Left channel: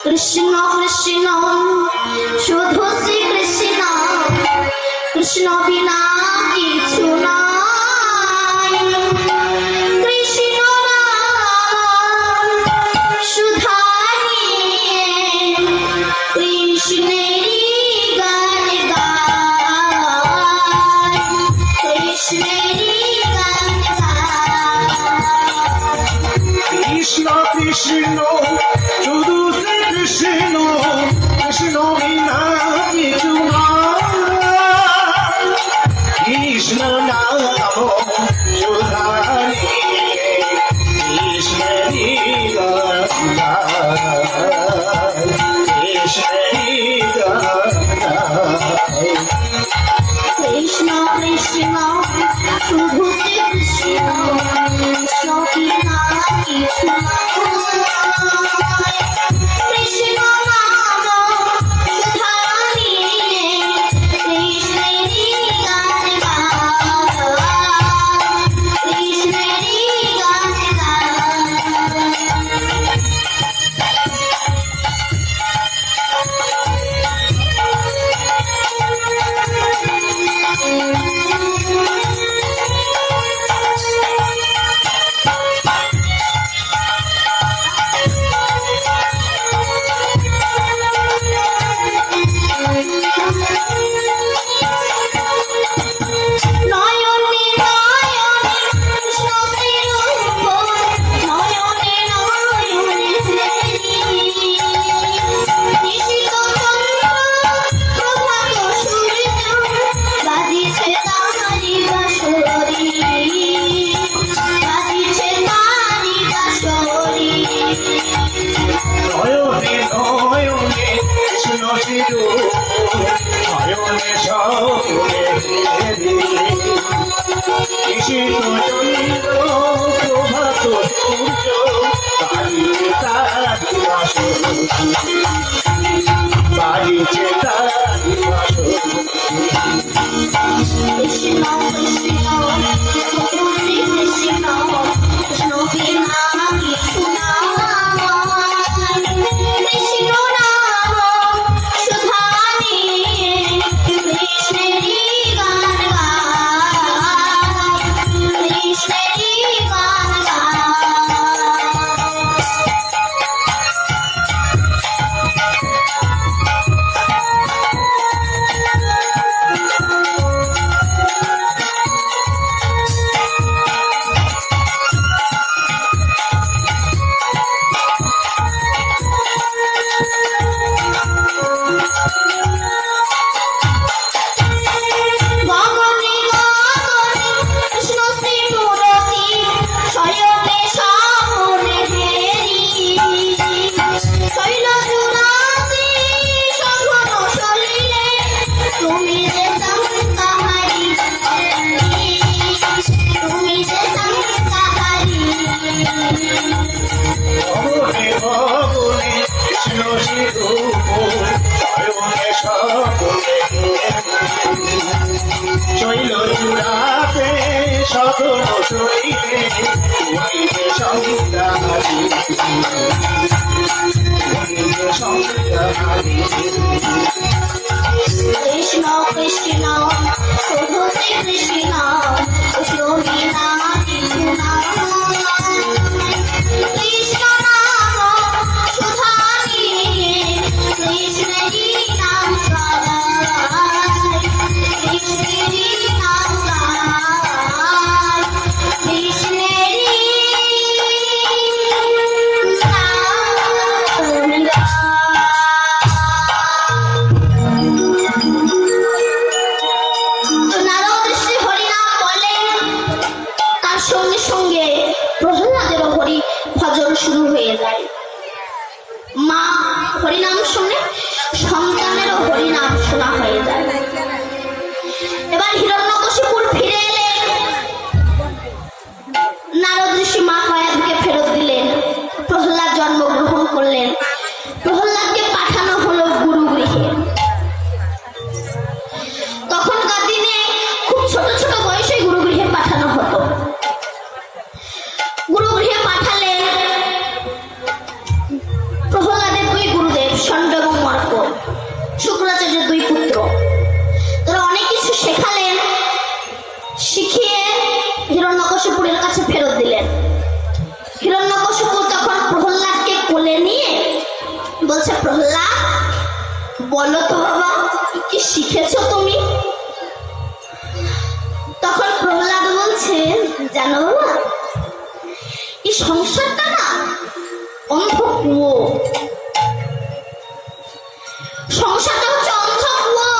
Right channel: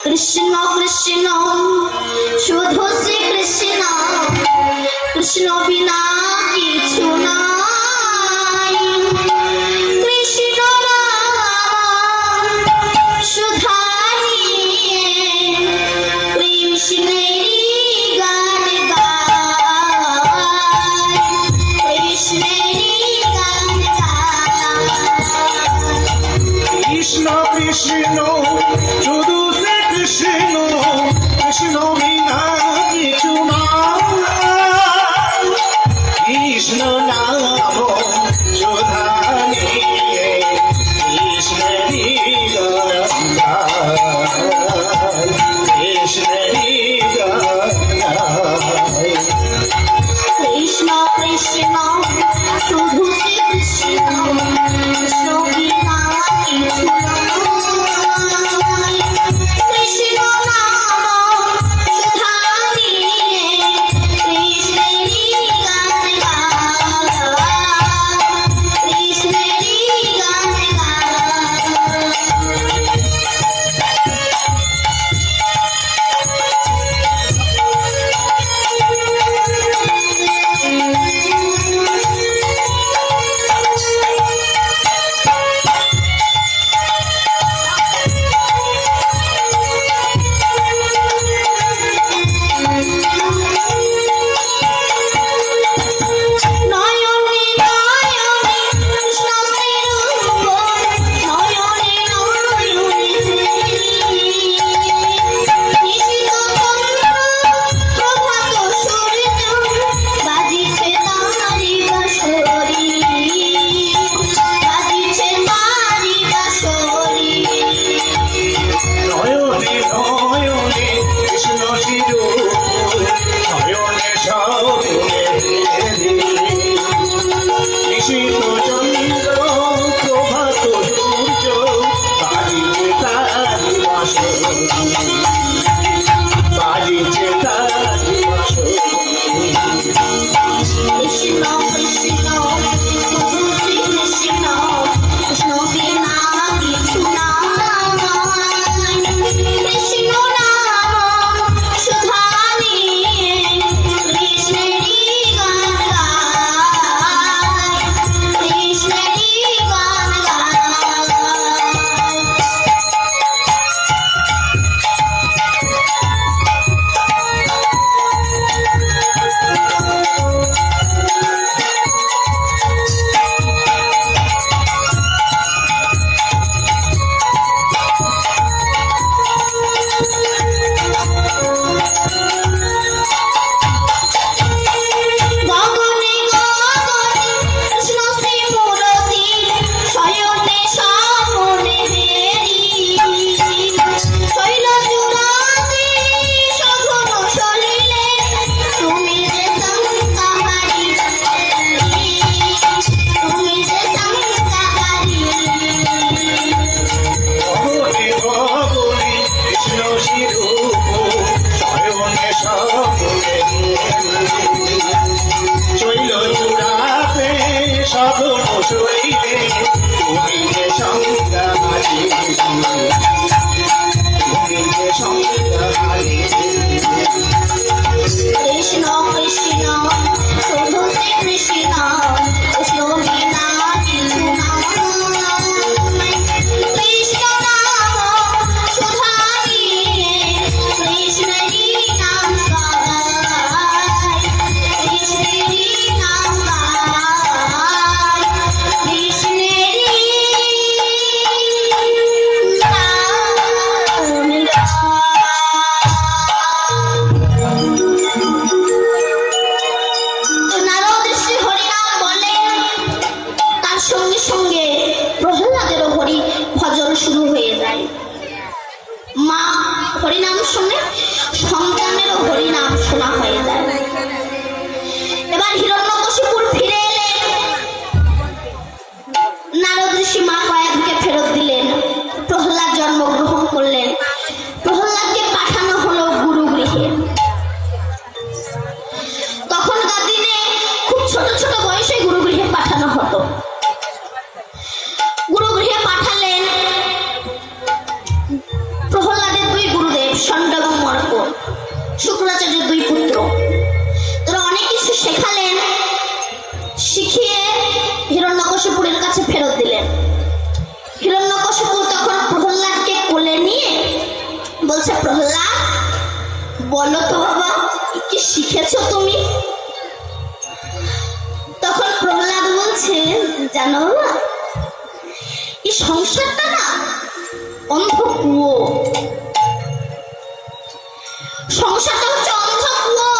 কৃষ্ণ কৃষ্ণ শুধু শ্রী কৃষ্ণ, কৃষ্ণ বিনা কিছু নাই। কৃষ্ণ নাম সুধা নিয়ে কৃষ্ণেরই গান গায়, কৃষ্ণেরই গান গায়। কৃষ্ণ কৃষ্ণ শুধু শ্রী কৃষ্ণ, কৃষ্ণ বিনা কিছু নাই। কৃষ্ণ নাম সুধা নিয়ে কৃষ্ণেরই গান গায়, কৃষ্ণেরই গান গায়। কৃষ্ণ কৃষ্ণ শুধু শ্রী কৃষ্ণ, কৃষ্ণ বিনা কিছু নাই। কৃষ্ণ নাম সুধা নিয়ে কৃষ্ণেরই গান গায়, কৃষ্ণেরই গান নয়নে নয়নে কৃষ্ণ শ্রীরূপ, নয়নে নয়নে নিশিত চন্দ্র প্রভাত সূর্য, বাজিছে তারি বাঁশরি, বাজিছে তারি বাঁশরি। নয়নে নয়নে কৃষ্ণ স্বরূপ, নয়নে স্বপনে নিশিত চন্দ্র প্রভাত সূর্য, বাজিছে তারি বাঁশরি, বাজিছে তারি বাঁশরি। কৃষ্ণ কৃষ্ণ শুধু শ্রী কৃষ্ণ, কৃষ্ণ বিনা কিছু নাই। কৃষ্ণ নাম সুধা নিয়ে কৃষ্ণেরই গান গায়, কৃষ্ণেরই গান গায়। গগনে গগনে কৃষ্ণ শ্রী মূরতি, শয়নে স্বপনে হেরি, শৈল জুড়াতে সঘন চলিলে, তুমি যে সংসারী, তুমি যে সংসারী। গগনে গগনে কৃষ্ণ স্বরূপ, শয়নে স্বপনে শৈল চূড়াতে সঘন শৈলে, তুমি যে সংসারী, তুমি যে সংসারী। কৃষ্ণ কৃষ্ণ শুধু শ্রী কৃষ্ণ, কৃষ্ণ বিনা কিছু নাই। কৃষ্ণ নাম সুধা নিয়ে কৃষ্ণেরই নাম গায়, কৃষ্ণেরই নাম গায়, কৃষ্ণেরই নাম নারদ ঋষি হরিনাম বলেন, তার সঙ্গে সঙ্গে প্রহ্লাদেরও হরি ভজন শুরু হয়ে যায়। মা হরিনাম শুনে সন্তানেরও হরিনাম শোনা হয়ে যায়। এবার হিরণ্যকশিপুর ফিরে এলেন, নারদ ঋষি মা মায়াকে ফেরত দিলেন, প্রহ্লাদ জন্মগ্রহণ করলেন। প্রহ্লাদকে পাঠানো হলো গুরুগৃহে। তখনকার দিনে খুব ছোট ছোট বয়সে গুরুগৃহে পাঠানো হতো। গুরুগৃহে পাঠালেন প্রহ্লাদের দুই গুরুদেব। বলছে, প্রহ্লাদ বলো তো বাবা, কি শিখেছো তুমি? তখন প্রহ্লাদ বলছে, জানো বাবা, এই সংসারটা না অন্ধ কুয়ো। সংসারটা হচ্ছে অন্ধ কুয়ো।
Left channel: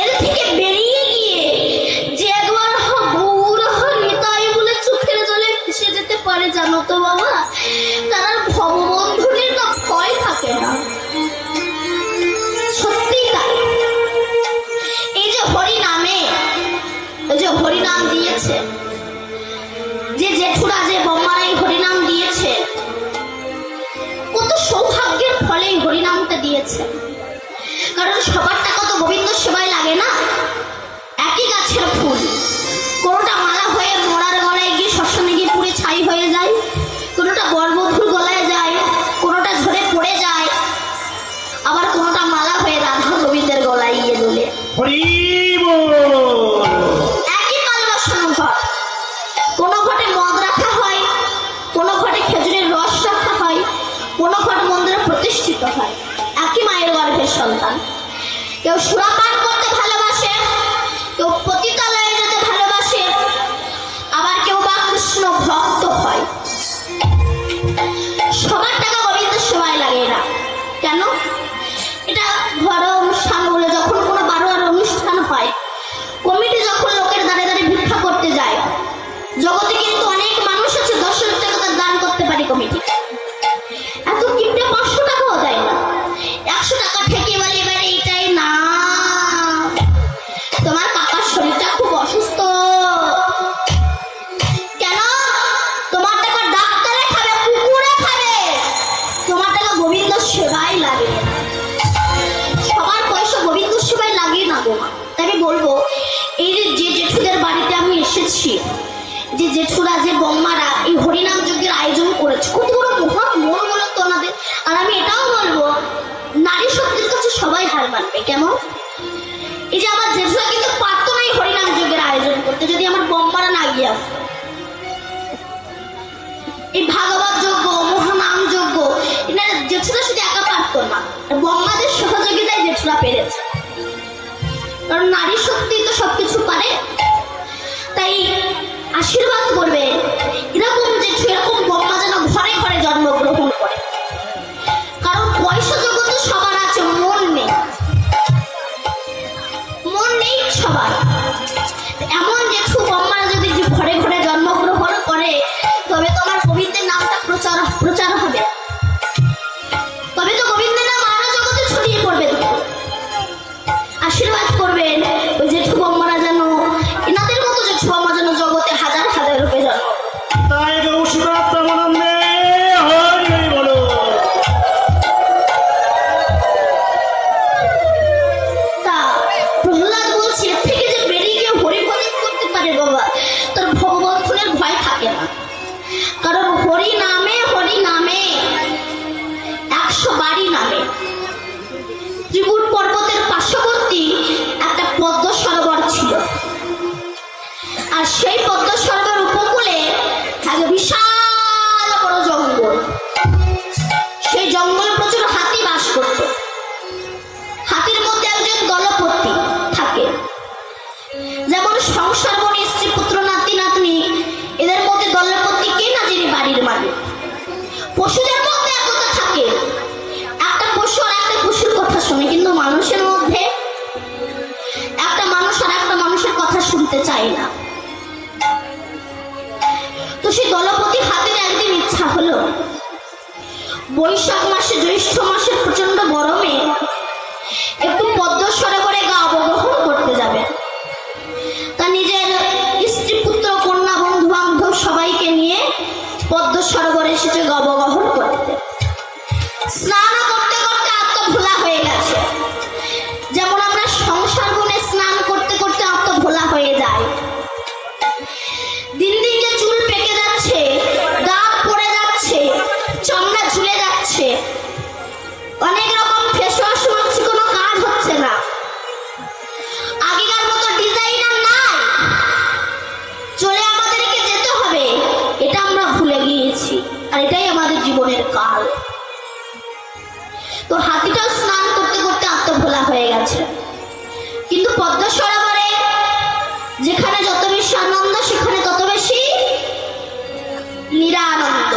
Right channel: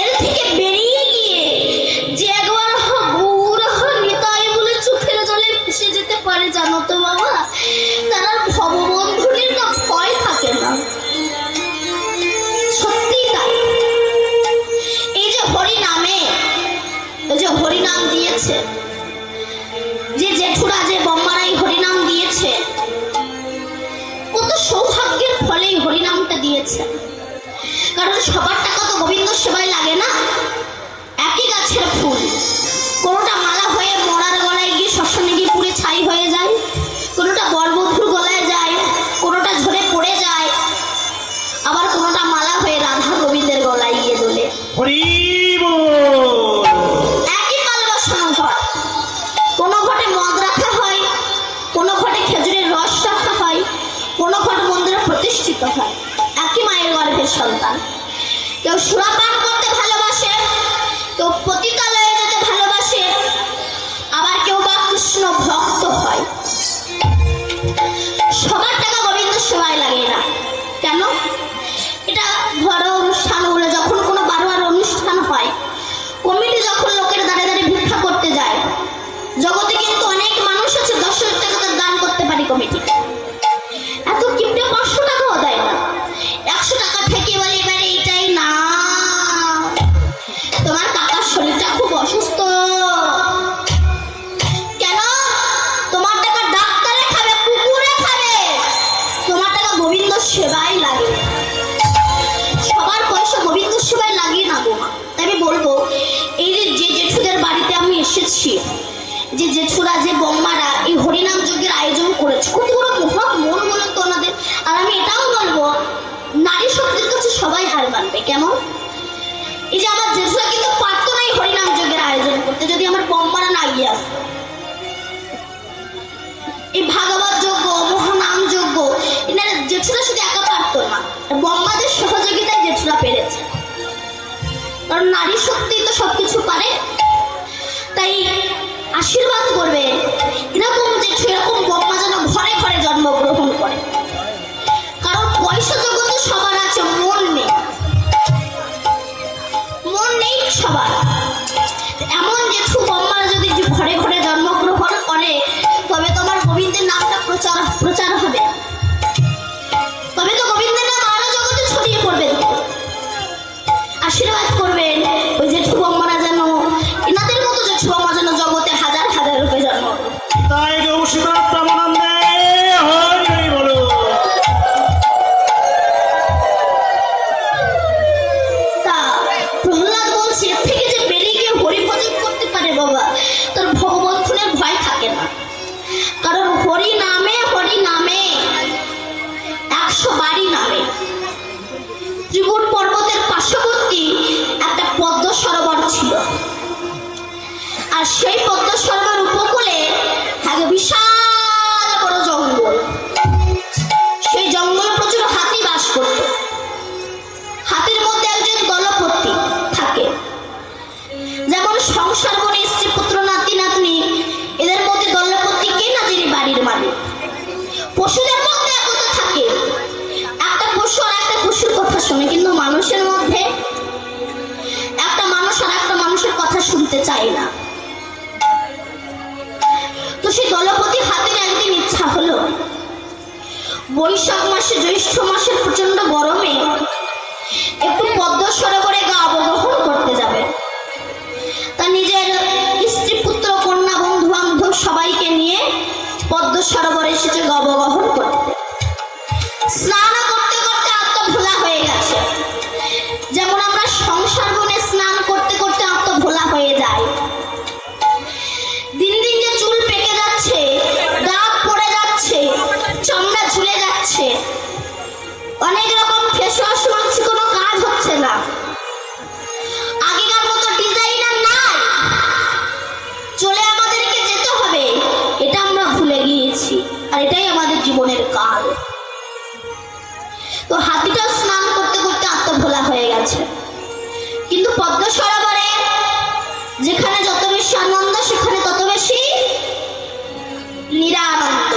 এর থেকে বেরিয়ে গিয়ে যে একবার গৌর নিতাই বলে চোখের জলে ভেসে যেতে পারে, জানো তো বাবা, তার আর ভববন্ধনের না ভয় থাকে না। সত্যি তাই। এই যে হরি নামে, ওই যে হরি নাম দিয়েছে, যে জেঠুরা যে বম্মারাই হরিনাম দিয়েছে, কত সৌভাগ্যের ফলে হরিনামটা দিয়েছে। কারণ সবার টাকা তো গোবিন্দ সেবায় লাগে না। একই গাছের ফুল, কোনোটা মালা হয়ে মরার গলায় গিয়ে শ্মশানে গিয়ে পুড়ে ছাই হয়ে যায়, কোনোটা বরবধুর গলায় যায়, কোনোটা ঝরে পড়ে যায়, আবার কোনোটা মালা হয়ে রাধা গোবিন্দের গলায় গিয়ে দোলে। একই পাল বসানো ঘট, কোনো ঘটে মদ রাখা হয়, কোনো ঘটে খেজুরের রস রাখা হয়, কোনো ঘট মন্দিরে প্রতিষ্ঠিত হয়। একই মায়ের গর্ভের সন্তান। কেউ সুরাপান করতে ভালোবাসে, কেউ পতিতালয়ে যেতে ভালোবাসে, আবার কেউ বা কৃষ্ণ ভক্ত হয়। সবার টাকা গোবিন্দ সেবায় লাগে না। কেন? এটা ঘরোয়া অনুষ্ঠান বলে, যখন কোনো বারোয়ার অনুষ্ঠান হয়, কমিটি যখন লোকের দাঁড়ে দাঁড়ে ভিক্ষা করতে যায়, জগতে কিন্তু অনেক মানুষ আছে 10,000 টাকা দান করতে পারি কমিটি, এত কিপটে 500 টাকাও দেয় না। 100 টাকা থেকে বলে, এবারে এটাই না, তোমার কাকার শরীরটা খুব অসুস্থ, কেন? তোমার টাকা ডাক্তারে খাবে, কুকুরে খাবে, তোমার টাকা গোবিন্দ সেবায় লাগে। সবার পয়সা গোবিন্দ সেবায় লাগে না গো মা। তাই আমি বলবো, এই যে জেঠুদের বাড়িতে আমি এসেছি, যে জেঠুরা যে বম্মারা এই হরিনাম যজ্ঞের আয়োজন করেছে, কত বড় মহৎ মন বলুন তো ওনাদের। আর আমি এটাও বলবো, নারী শক্তির কাছে সবাই হার মানবে। কেন? এই যে আমার জেঠুরা কিন্তু পারতো না এই হরিনাম যজ্ঞের আয়োজন করতে, যদি আমার বম্মারা না গিয়ে আসতো। এই ভাগবত যজ্ঞ, মহানাম যজ্ঞ, এনারা জেঠুরা শুধু একা পারতো না, বম্মাদের সহযোগিতায় জেঠুরা পেরেছে। কারণ নারী শক্তি তো সবকিছু পারে। তাই আশীর্বাদ করবে এরকম জেঠু, এরকম বম্মা যেন ঘরে ঘরে জন্মগ্রহণ করে। কারণ পয়সা জগতে সবার আছে, মন নেই, মন নেই সবার। এমন জেঠু বম্মারা যদি ঘরে ঘরে জন্মগ্রহণ করে, তবে তোমার গোবিন্দের নামটা প্রচার হবে, তবে তো গোবিন্দের নাম আরো জগতে ছড়িয়ে পড়বে। আশীর্বাদ করবেন ওই জেঠু বম্মারা, যেন এনাদের মতো জেঠু বম্মা যেন জগতে হাজার হাজার রূপে জন্ম। তাই গৌসুদার প্রেমানন্দে হরি হরি বলো। তা প্রহ্লাদ বলছে, এর থেকে যে বেরিয়ে গিয়ে হরি ভজন করতে পারে বাবা, তার ভগবন্ধনের ভয় থাকে না। কারণ হরি নামে 100 বাড়ি নামে। ত্রিপুর পর্বতের পার্শ্ববর্তী একটা পদ্ম সরোবর ছিল, আর সেই পদ্ম সরোবর উপকূলে থাকে বিশাল বড় জঙ্গল। সেই জঙ্গলে প্রচুর হাতি বাস করত। হাতির মধ্যে একজন দলপতি থাকে। যেমন সংসার বনে স্ত্রী পুত্র নাতি নাতনি, এদের মধ্যে দলপতি কে না, যিনি বাড়ির মালিক। পশুদের মধ্যে একতা থাকে, একটা পশু আর একটা পশুর কথা শুনে, কিন্তু মানুষের মধ্যে একটা মানুষ আর একটা মানুষের কথা শুনতে চায় না। তো সেই দলপতি হাতির একদিন ইচ্ছা হলো, বৈশাখ মাসে জ্যৈষ্ঠ মাসের প্রচন্ড গরমে একটু পদ্ম সরোবরে গা অবগ্রহণ করতে যাবে। তা নিজের স্ত্রী পুত্র কন্যা বন্ধু বান্ধব সবাইকে নিয়ে পদ্ম সরোবরে এসেছে গা অবগ্রহণ করতে। স্নান করতে করতে আত্মভোলা হয়ে গেছে। যেমন আমরা সংসার বনে স্নান করতে করতে আত্মভোলা হয়ে যায়। দিন দিন যে চুল পেকে যাচ্ছে, দাগ পড়ে যাচ্ছে, চামড়া ঝুলে যাচ্ছে, অনেক রকম ফেস ওয়াশ মারছি, কোনো কাজ হচ্ছে না। আগেকার মতো ডিজাইনার নাই, চলে আমাদেরকে যেতে হবে, এটা আমরা ভুলে গিয়েছি। আর এটাই আমাদের জীবনের কাল। তো হাতিটাও স্নান করতে করতে আত্মভোলা হয়ে গেছে। কিন্তু পদ্ম সরোবরে যেখানে যত বেশি আনন্দ সেখানে তত বেশি নিরানন্দ।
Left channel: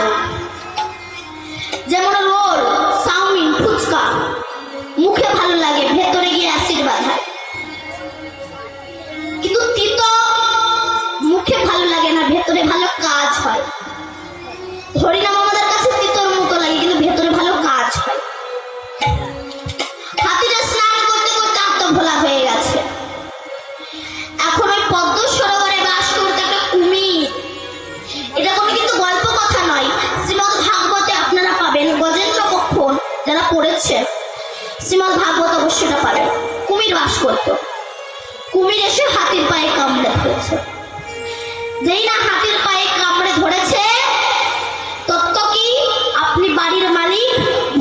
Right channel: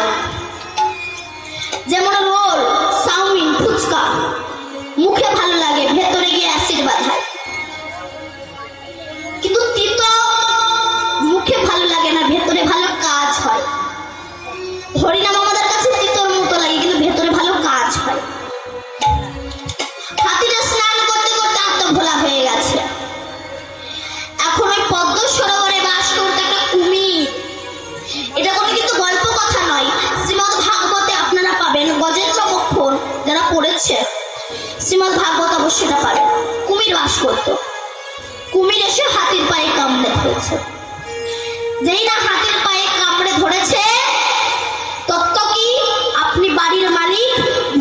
যেমন রোল, চাউমিন, ফুচকা মুখে ভালো লাগে, ভেতরে গিয়ে অ্যাসিড বাঁধায়। কিন্তু তিতো মুখে ভালো লাগে না, ভেতরে ভালো কাজ হয়। হরিনাম আমাদের কাছে তিতোর মতো লাগে, কিন্তু ভেতরে ভালো কাজ হয়। হাতিটা স্নান করতে করতে আত্মভোলা হয়ে গেছে। এখন ওই পদ্ম সরোবরে বাস করতে একটা কুমির। এটা কোনো কিন্তু গল্প কথা নয়, শ্রীমদ ভাগবতে আপনারা পাবেন। গজেন্দ্র মোক্ষণ যারা পড়েছে শ্রীমদ ভাগবত অবশ্যই পাবেন। কুমির বাস করত। কুমির এসে হাতির পায়ে কামড়ে ধরেছে। যেই না হাতির পায়ে কামড়ে ধরেছে, তত্ত্ব কি, আপনি বাড়ির মালিক,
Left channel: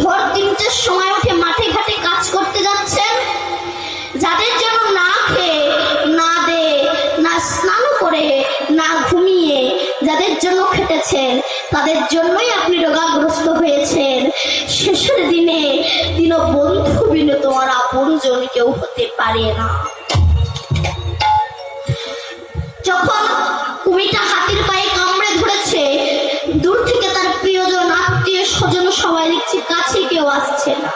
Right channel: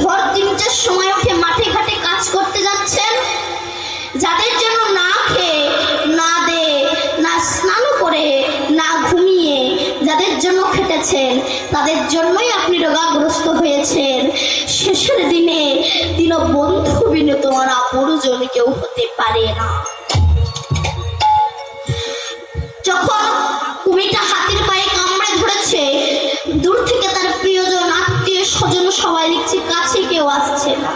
ভোর 3টার সময় উঠে মাঠে ঘাটে কাজ করতে যাচ্ছেন, যাদের জন্য না খেয়ে না দে না স্নান করে না ঘুমিয়ে যাদের জন্য খেটেছেন, তাদের জন্যই আপনি রোগাগ্রস্ত হয়েছেন। শেষের দিনে দীনবন্ধু বিনে তোমার আপনজন কেউ হতে পারে না। যখন কুমিরটা হাতির পায়ে কামড়ে ধরেছে, দূর থেকে তার প্রিয়জন, আত্মীয় স্বজন সবাই দেখছে, কাছে কেউ আসছে না।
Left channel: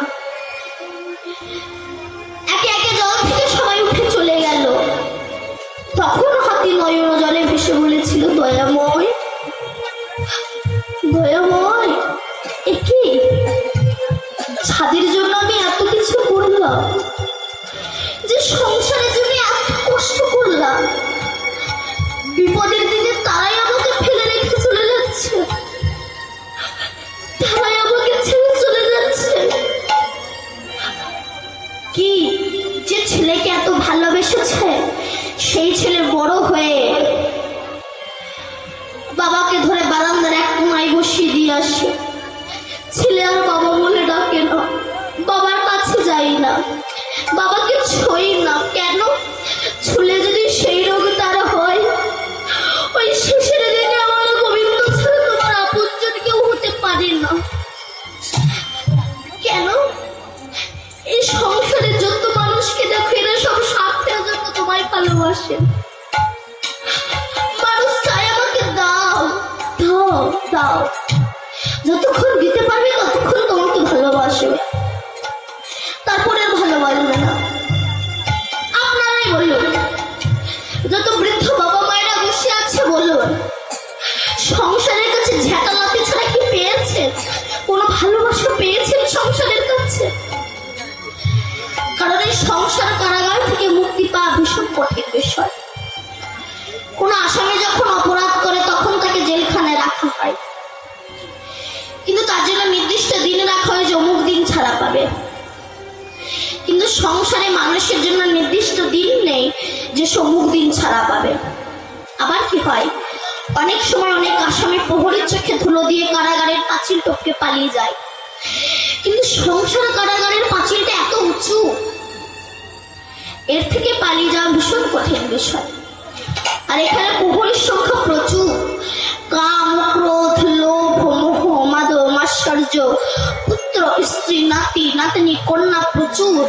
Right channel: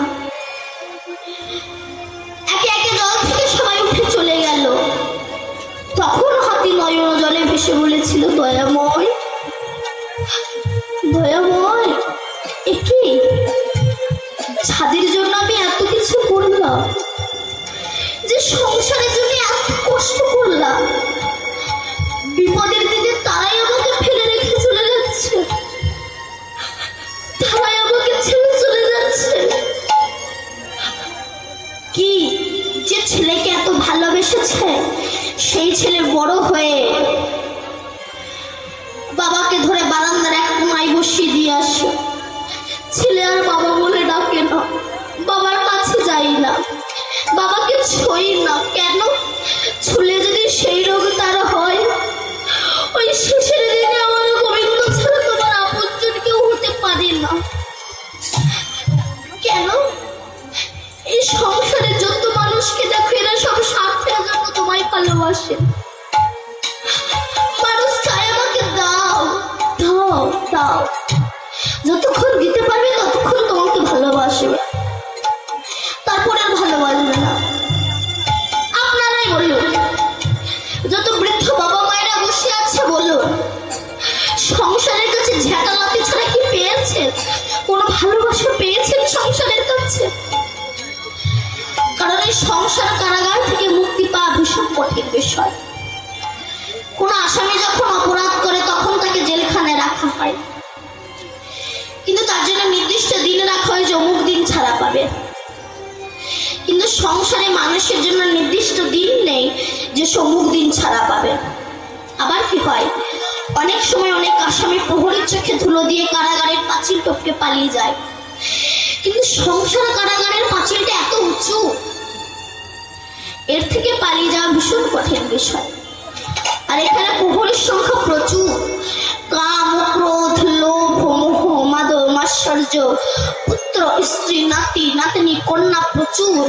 একে একে জল থেকে সবাই উঠে চলে গেল। তখন হাতি নয়ন জলে ভেসে বলেছিল, দয়াময় দয়াময়, একি ছাদের জন্য আমি এত কিছু করলাম, যে সংসারের জন্য এত কষ্ট করলাম, বিপদের দিনে তারাই আমাকে ফেলে রেখে চলে যাচ্ছে, তারাই আমাকে ছেড়ে চলে যাচ্ছে। কি যে ছেলেকে এত ভালোবেসেছে, সেই ছেলে বড় হয়ে বাবাকে ধরে বারান্দার এক কোনায় বসিয়ে দিয়ে আসে। ছেলে আর বাবা বলে ডাকে না, বাবার কাছে যাই না, বাবাকে ছুঁই না। কেন? ছুলে যদি সেই রোগ তার হয়, ওই শেষের দিনে আমার গোবিন্দ ছাড়া তোমার আপনজন কেউ হতে পারে না। কেন? এই সংসারে যত মানুষকে দেখো, এরা সব স্বার্থের জন্য তোমায় ভালোবাসে। মানুষ চায় আমাকে দাও দাও দাও, যতক্ষণ দিতে পারবে ততক্ষণ তোমাকে ভালোবাসবে, তারপরে আর ভালোবাসবে না। আপনারাই বলুন, যত বৃদ্ধ বাবা মায়েরা বসে আছে বলুন, সংসারের কাছে ঝেঁটালাতি ছাড়া কি পেয়েছেন? কোন ভালোবাসা পেয়েছেন সংসারের কাছে? কারণ এই সংসার কারাগার থেকে মুক্তি পাওয়া ভীষণ কঠিন বিষয়। কোন আসামি যখন অপরাধ করে তখন তাকে জেলখানায় রাখা হয়, কিন্তু তার জন্য নির্দিষ্ট দিনে রাখা হয় যে অমুক দিন ছাড়া পাবে। কিন্তু সংসারে মানুষের জন্য নির্দিষ্ট দিন নেই যে অমুক দিন ছাড়া পাবে। আবার কি হয়, অনেক সময় অনেক আসামি প্রহরীর চোখে ধুলো দিয়ে কারাগারের পাঁচিল টপকে পালিয়ে যায়, কিন্তু সংসার কারাগারের পাঁচিলটা এত উঁচু, এর থেকে পালিয়ে যাওয়া ভীষণ কঠিন বিষয়। আর এখানে প্রহরীর সংখ্যা প্রচুর। কাম, ক্রোধ, লোভ, মোহ, মাদ, মাৎসর্য, পুত্র, স্ত্রী, নাতি, নাতনি, কন্যা প্রচুর।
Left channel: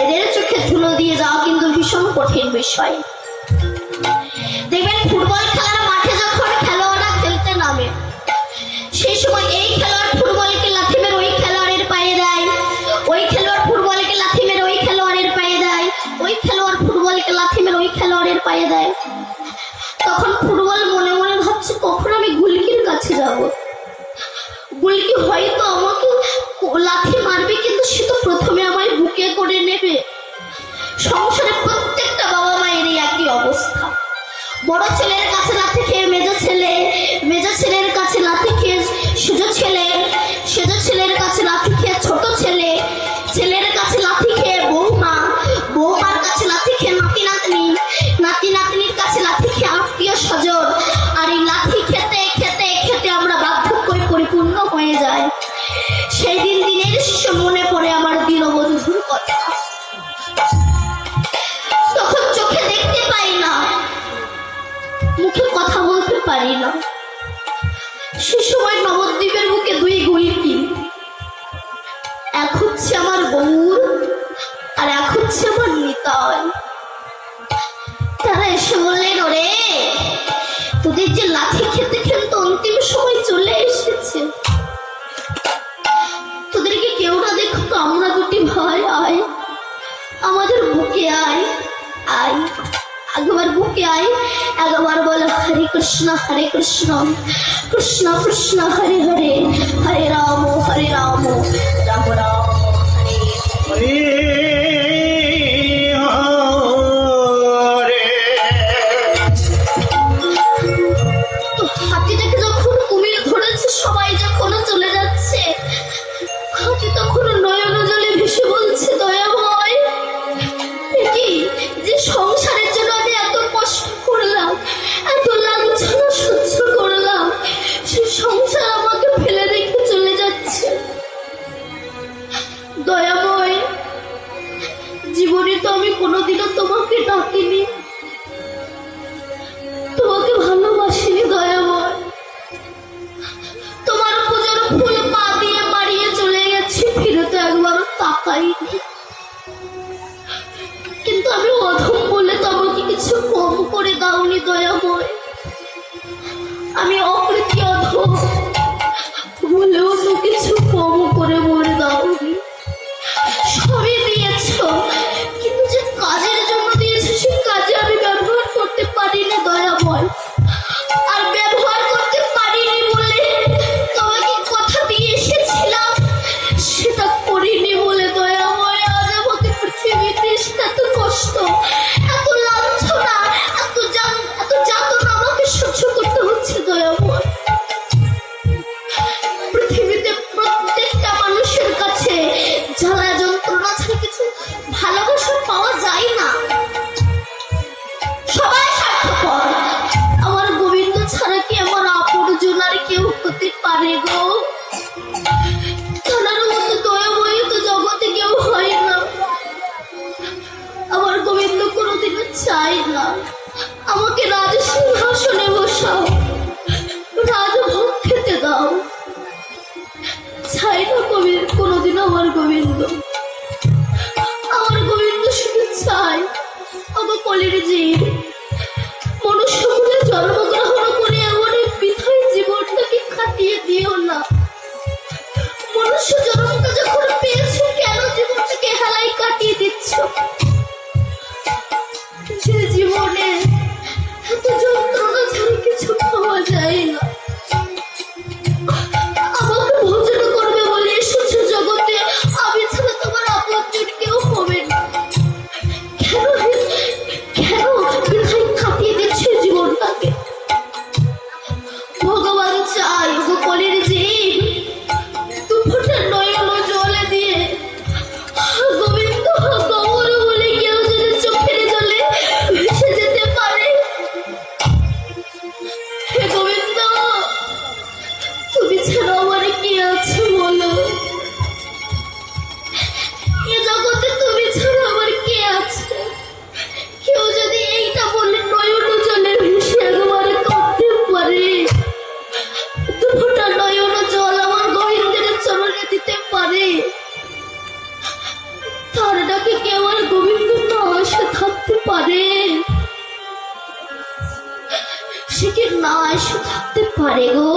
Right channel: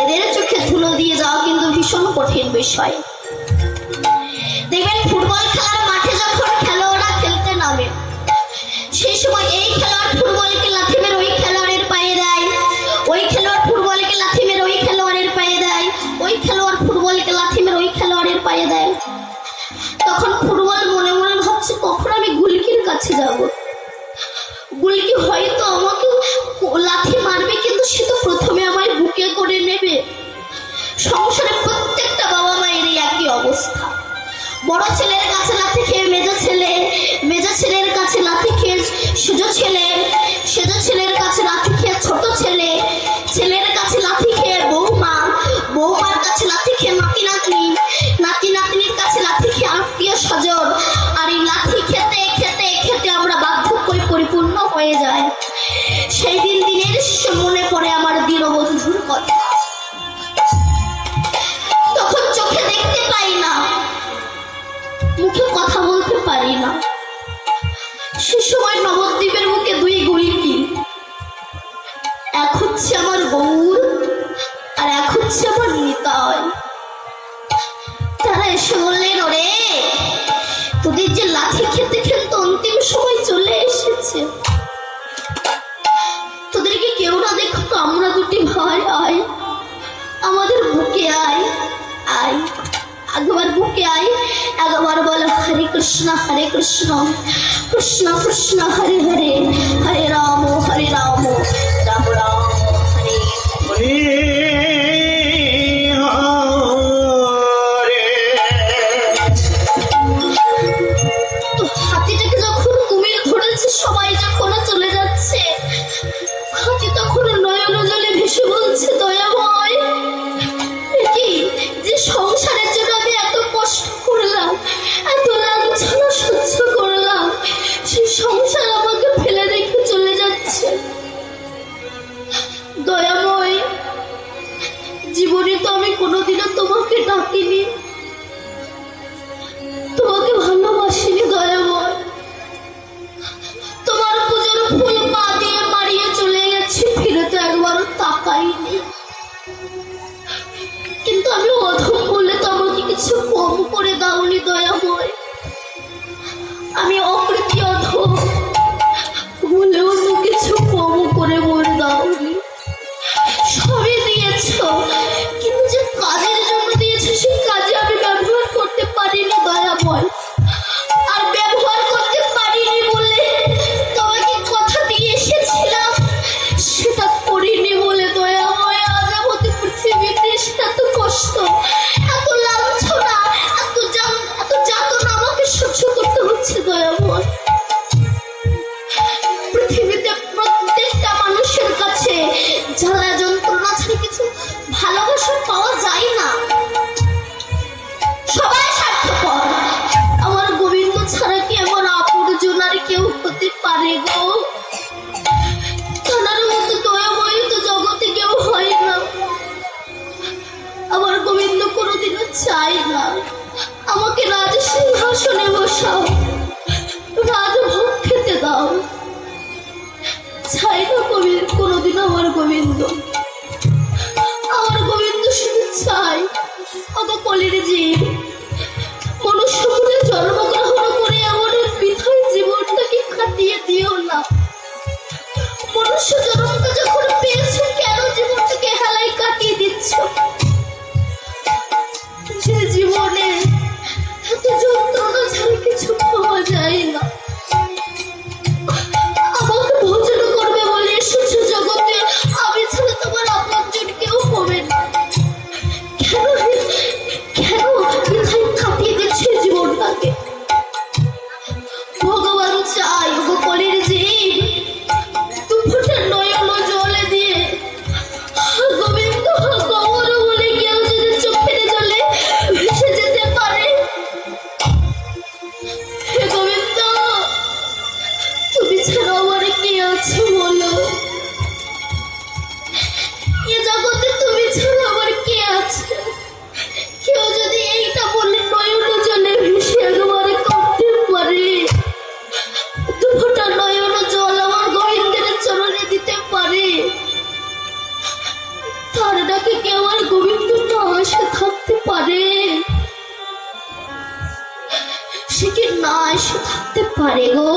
এদের চোখে ধুলো দিয়ে যাওয়া কিন্তু ভীষণ কঠিন বিষয়। দেখবেন ফুটবল খেলার মাঠে যখন খেলোয়াড়রা খেলতে নামে, সেই সময় এই খেলোয়াড় ফুটবলকে লাথি মেরে ওই খেলোয়াড়ের পায়ে দেয়, ওই খেলোয়াড় ফুটবলকে লাথি মেরে ওই খেলোয়াড়ের পায়ে দেয়, ওই খেলোয়াড় ফুটবলকে লাথি মেরে ওই খেলোয়াড়ের পায়ে দেয়। তখন ফুটবল মনে মনে ভাবছে, কখন আমি গুলকির কাছে যাব। গুলকি হয়তো আমাকে লাথি মারবে, কিন্তু সে তো প্রথমে আমায় বুকে করে নেবে। সংসারে প্রত্যেকটা বাবা মায়েরই একই অবস্থা। বড় ছেলের কাছে লাথি হচ্ছে আমার গৌর, আর এক হচ্ছে আমার নিতাই। তারা এসে বললেন, ওরে তোদের যে লাঠি খেতে খেতে অন্তিম সময় চলে এসেছে, তোদেরকে কেউ না দেখো তো আমরা দুটি ভাই, আয় আমাদের বুকে আয়, আয় একবার বুকে আয়, একবার বলো হরে কৃষ্ণ কৃষ্ণ কৃষ্ণ হরে হরে, হরে রাম রাম রাম হরে হাতিটাকে যখন কুমির ধরেছে, সবাই যখন চলে যাচ্ছে, হাতি তখন নয়ন জলে ভেসে বলছে, দয়াময় কি যে সংসারের জন্য আমি এত কষ্ট করলাম, এত লাঞ্ছনা সহ্য করলাম, সে সংসার আমাকে ফেলে রেখে চলে যাচ্ছে। দয়াময়, জীবনে তো আমি কোনোদিনও তোমাকে ডাকিনি, তোমাকে ভালোবাসিনি দয়াময়, তোমার পূজার ফুল পা দিয়ে মারিয়ে চলে গেছি, ফিরে তো একবারও তাকাইনি। কিন্তু আমি অধম বলে তো আমাকে কিছু কম করে দাওনি দয়াময়, আমি অকৃতি অধম বলেও তো কিছু কম করে মরে দাওনি, সবই দিয়েছ, কিন্তু যে কাজের জন্য দিয়েছে সেই কাজে আমি ব্যবহার করতে পারিনি দয়াময়, আর ব্যবহার করতে পারিনি বলে তোমাকে কথা দিয়ে এসেছিলাম, সেটা করিনি বলে দয়াময় আজ আমাকে পৃথিবীতে এত কষ্ট, এত লাঞ্ছনা, এত যাতনা আমাকে সহ্য করতে হচ্ছে দয়াময়। পৃথিবীতে প্রত্যেকটা মানুষের কাছে জ্বালা যন্ত্রণা ছাড়া কিছু ভালোবাসা পাওয়া যায় না, সবাই স্বার্থপর। আমার গোবিন্দ ছাড়া কি আমার আপনজন আর কেউ হতে পারে গো? তার মতো দয়াময় তো জগতে কেউ হয় না। আমার গোবিন্দ কোনোদিনও চায় না আমাকে রাজ সিংহাসনে বসাও, রাজভোগ খেতে দাও, চাই না কোনোদিন আমার গোবিন্দ। আমার গোবিন্দ শুধু চাই, অত কলির জীব মনুষ্য কুলে জন্মগ্রহণ করে আমার এই বৃথায় জীবনটাকে কাটিয়ে দিও না। মনুষ্য জন্মটা যখন পেয়েছো, কেন জীবনটাকে হেলায় কাটিয়ে দিচ্ছ? যে জীবনে এত যন্ত্রণা ছাড়া কিছু পাওয়া যায় না, আমাকে ভোজন করবে বলে এসেছো জগতে, আমি ছাড়া তোমার আপনজন কেউ হবে না। কেন বৃথায় কাটিয়ে দিচ্ছে জীবনটাকে? ভগবান চাই গো কলির জীব দুপুরটা নয়ন জলে দিয়ে গোবিন্দ গৌর বলে কেউ যদি চোখের জলে ভেসে যেতে পারে। হে গোবিন্দ, তুমি ছাড়া আমার কি আছে বলো? এ জগতে তুমি ছাড়া আমার কে আছে? কেউ যদি এইটা বলে নয়ন জলে ভেসে একবারে কাঁদতে পারে, দুপুরটা নয়ন জল আমার গোবিন্দের চরণে দিতে পারে, তার ডাকে কে আমার গোবিন্দ না এসে থাকতে পারে? সে কি না এসে থাকতে পারে গো?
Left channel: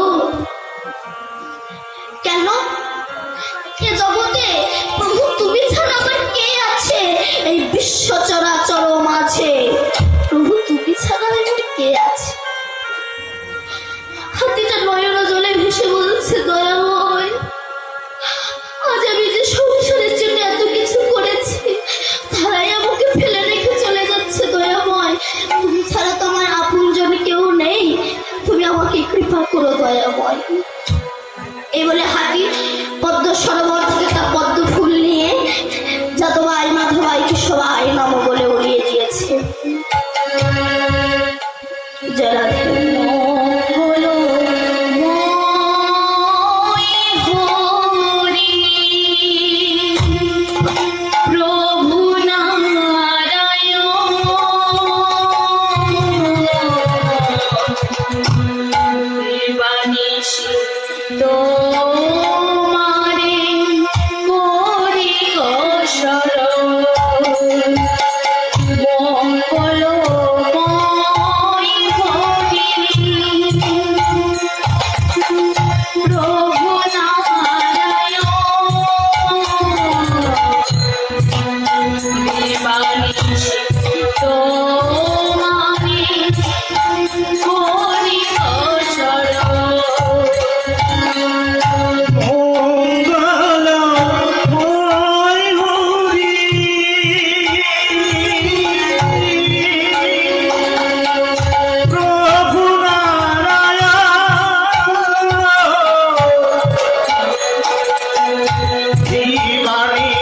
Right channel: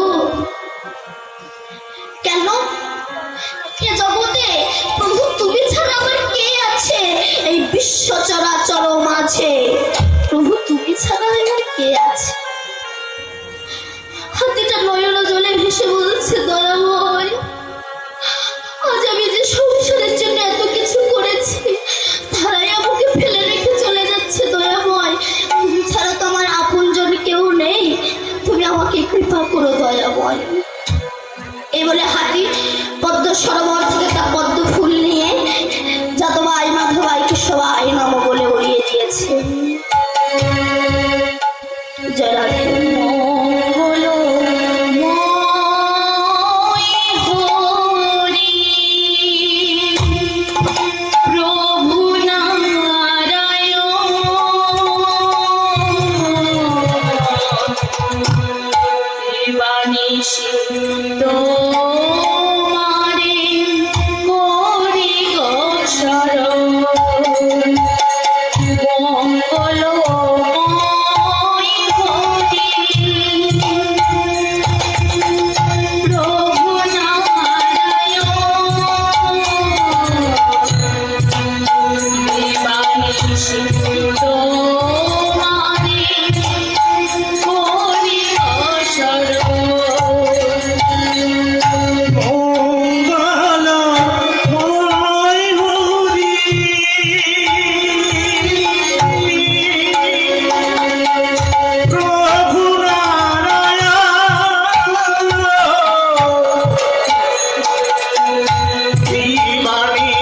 কেন? এ জগতে প্রভু তুমি ছাড়া আমার কে আছে? এই বিশ্ব চরাচর মাঝে প্রভু তুমি ছাড়া আমার কে আছে? হাতিটা নয়ন জলে ভেসে বলছে, দয়াময় আজ আমি যে সংসারের জন্য এত কিছু করেছি, তারাই আমাকে ফেলে রেখে চলে যাচ্ছে। দয়াময়, তুমি ছাড়া তো আমার আপনজন কেউ নেই, তুমি আমাকে কৃপা করো দয়াময়। এই বলে হাতি পদ্ম সরোবর থেকে একটা পদ্ম ফুল নিয়ে যাদবাই মাধবাইকে সবাই নম বলে উড়িয়ে দিয়েছে। যারা মঙ্গলময় হরি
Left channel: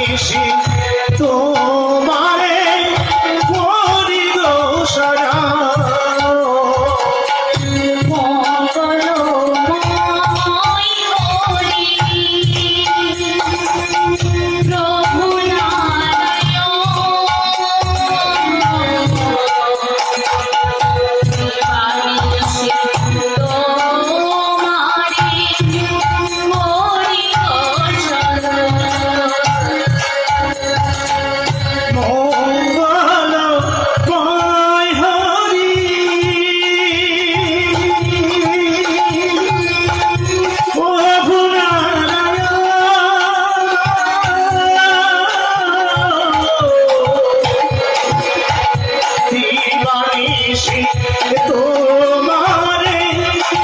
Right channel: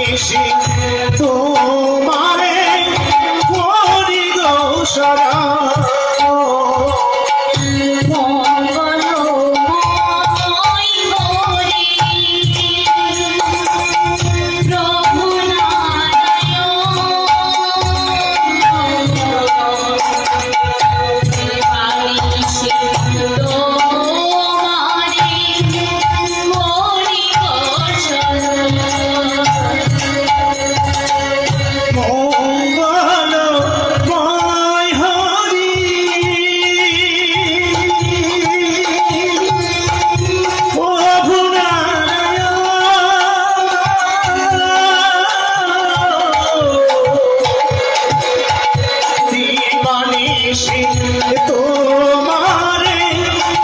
নিশি তোমারে করি গো সারা তোমারে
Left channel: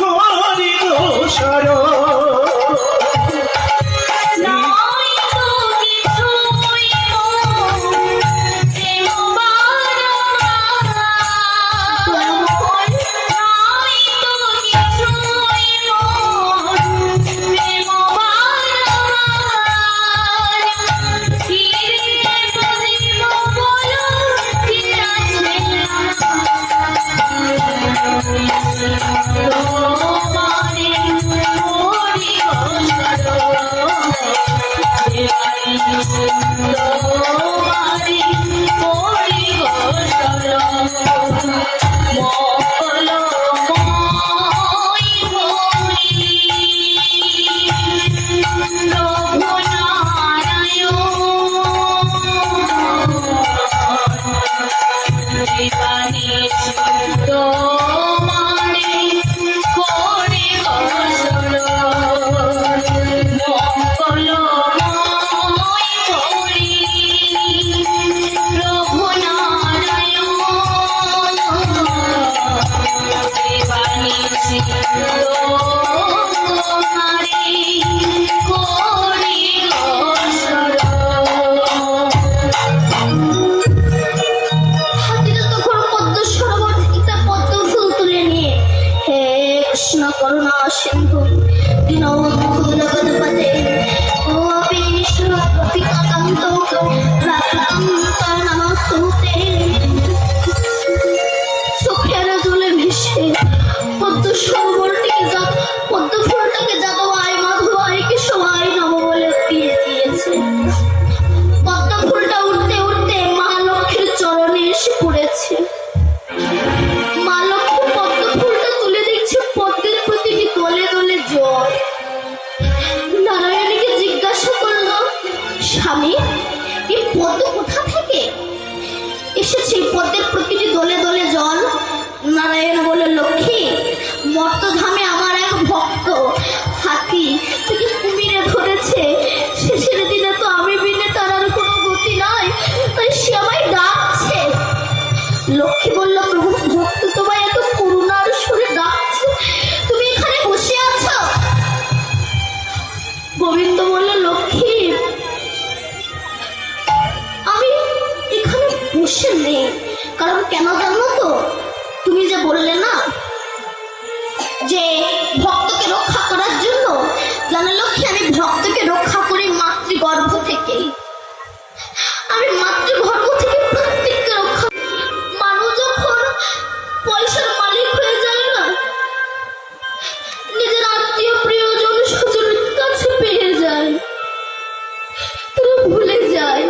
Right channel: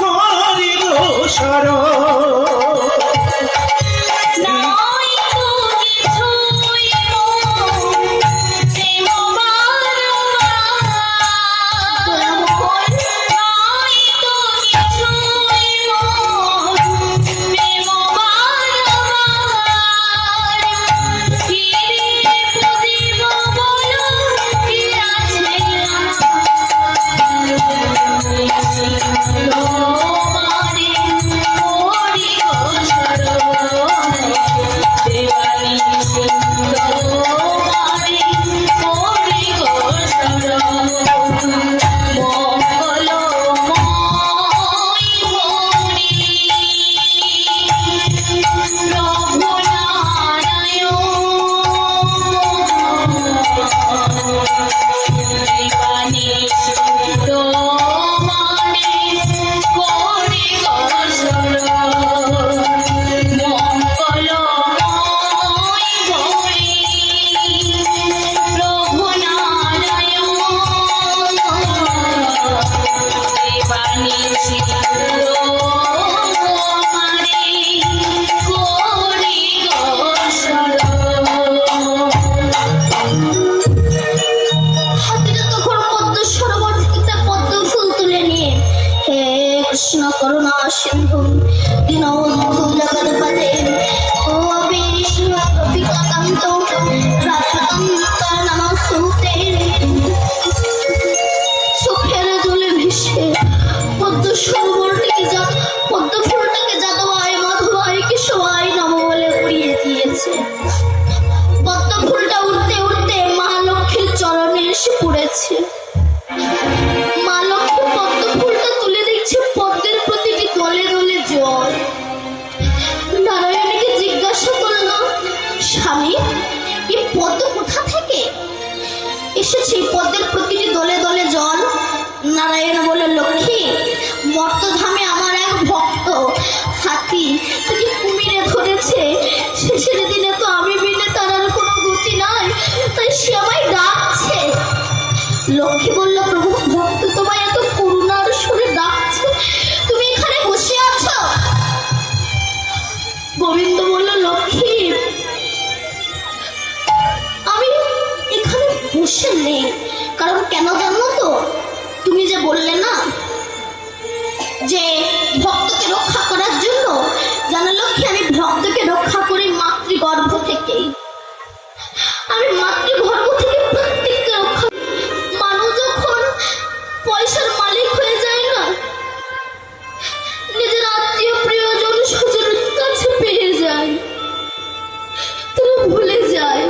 করি গো সারা করুণা সিন্ধু দীনবন্ধু জগৎপতে ও বিষ্ণু প্রতিকান্ত রাধাকান্ত নমস্তুতে। চোখের জলে ভেসে পদ্ম সরোবরটিকে পদ্ম ফুলটাকে যাদবায় মাধবায় কেশবায় নম বলে উড়িয়ে দিয়েছে। পদ্ম ফুলটা উঠতে উঠতে মা লক্ষ্মীর চরণে এসে পড়েছে। মা লক্ষ্মী পদ্ম ফুলটা তুলে দেখছে পদ্মের প্রতিটি দলে দলে জল। নারায়ণকে জিজ্ঞাসা করল, স্বামী এই পদ্ম কোথা থেকে এসেছে? পদ্মের প্রতিটি দলে দলে জল। নারায়ণ বলে, লক্ষ্মী মর্তধামে আমার এক ভক্ত হাতি থেকে কুমিরে ধরেছে। শেষের দিনে তো আমি বিনে তার আর কোনো গতি নাই, তাই সে আমায় ডাকছে। লক্ষ্মী বলল, প্রভু ভক্ত তোমায় এত করুণার সুরে ডাকছে, তুমি এখানে বসে আছো? গোবিন্দ বলল, লক্ষ্মী আমি এখানে বসে নেই, কারণ কেন জানো তো? তুমি যে বললে না যে ভক্তকে রক্ষা করার জন্য, জানো লক্ষ্মী আমি ভক্তকে রক্ষা করি মাতৃগর্ভ থেকেই। আমি মাতৃগর্ভ থেকে প্রত্যেককে রক্ষা। মানুষ যখন পয়সার মালিক হয়ে যায় না, নিজের আত্মীয় প্রিয়জন স্বজনের কাছে পেয়ে যায়, তারা ভুলে যায়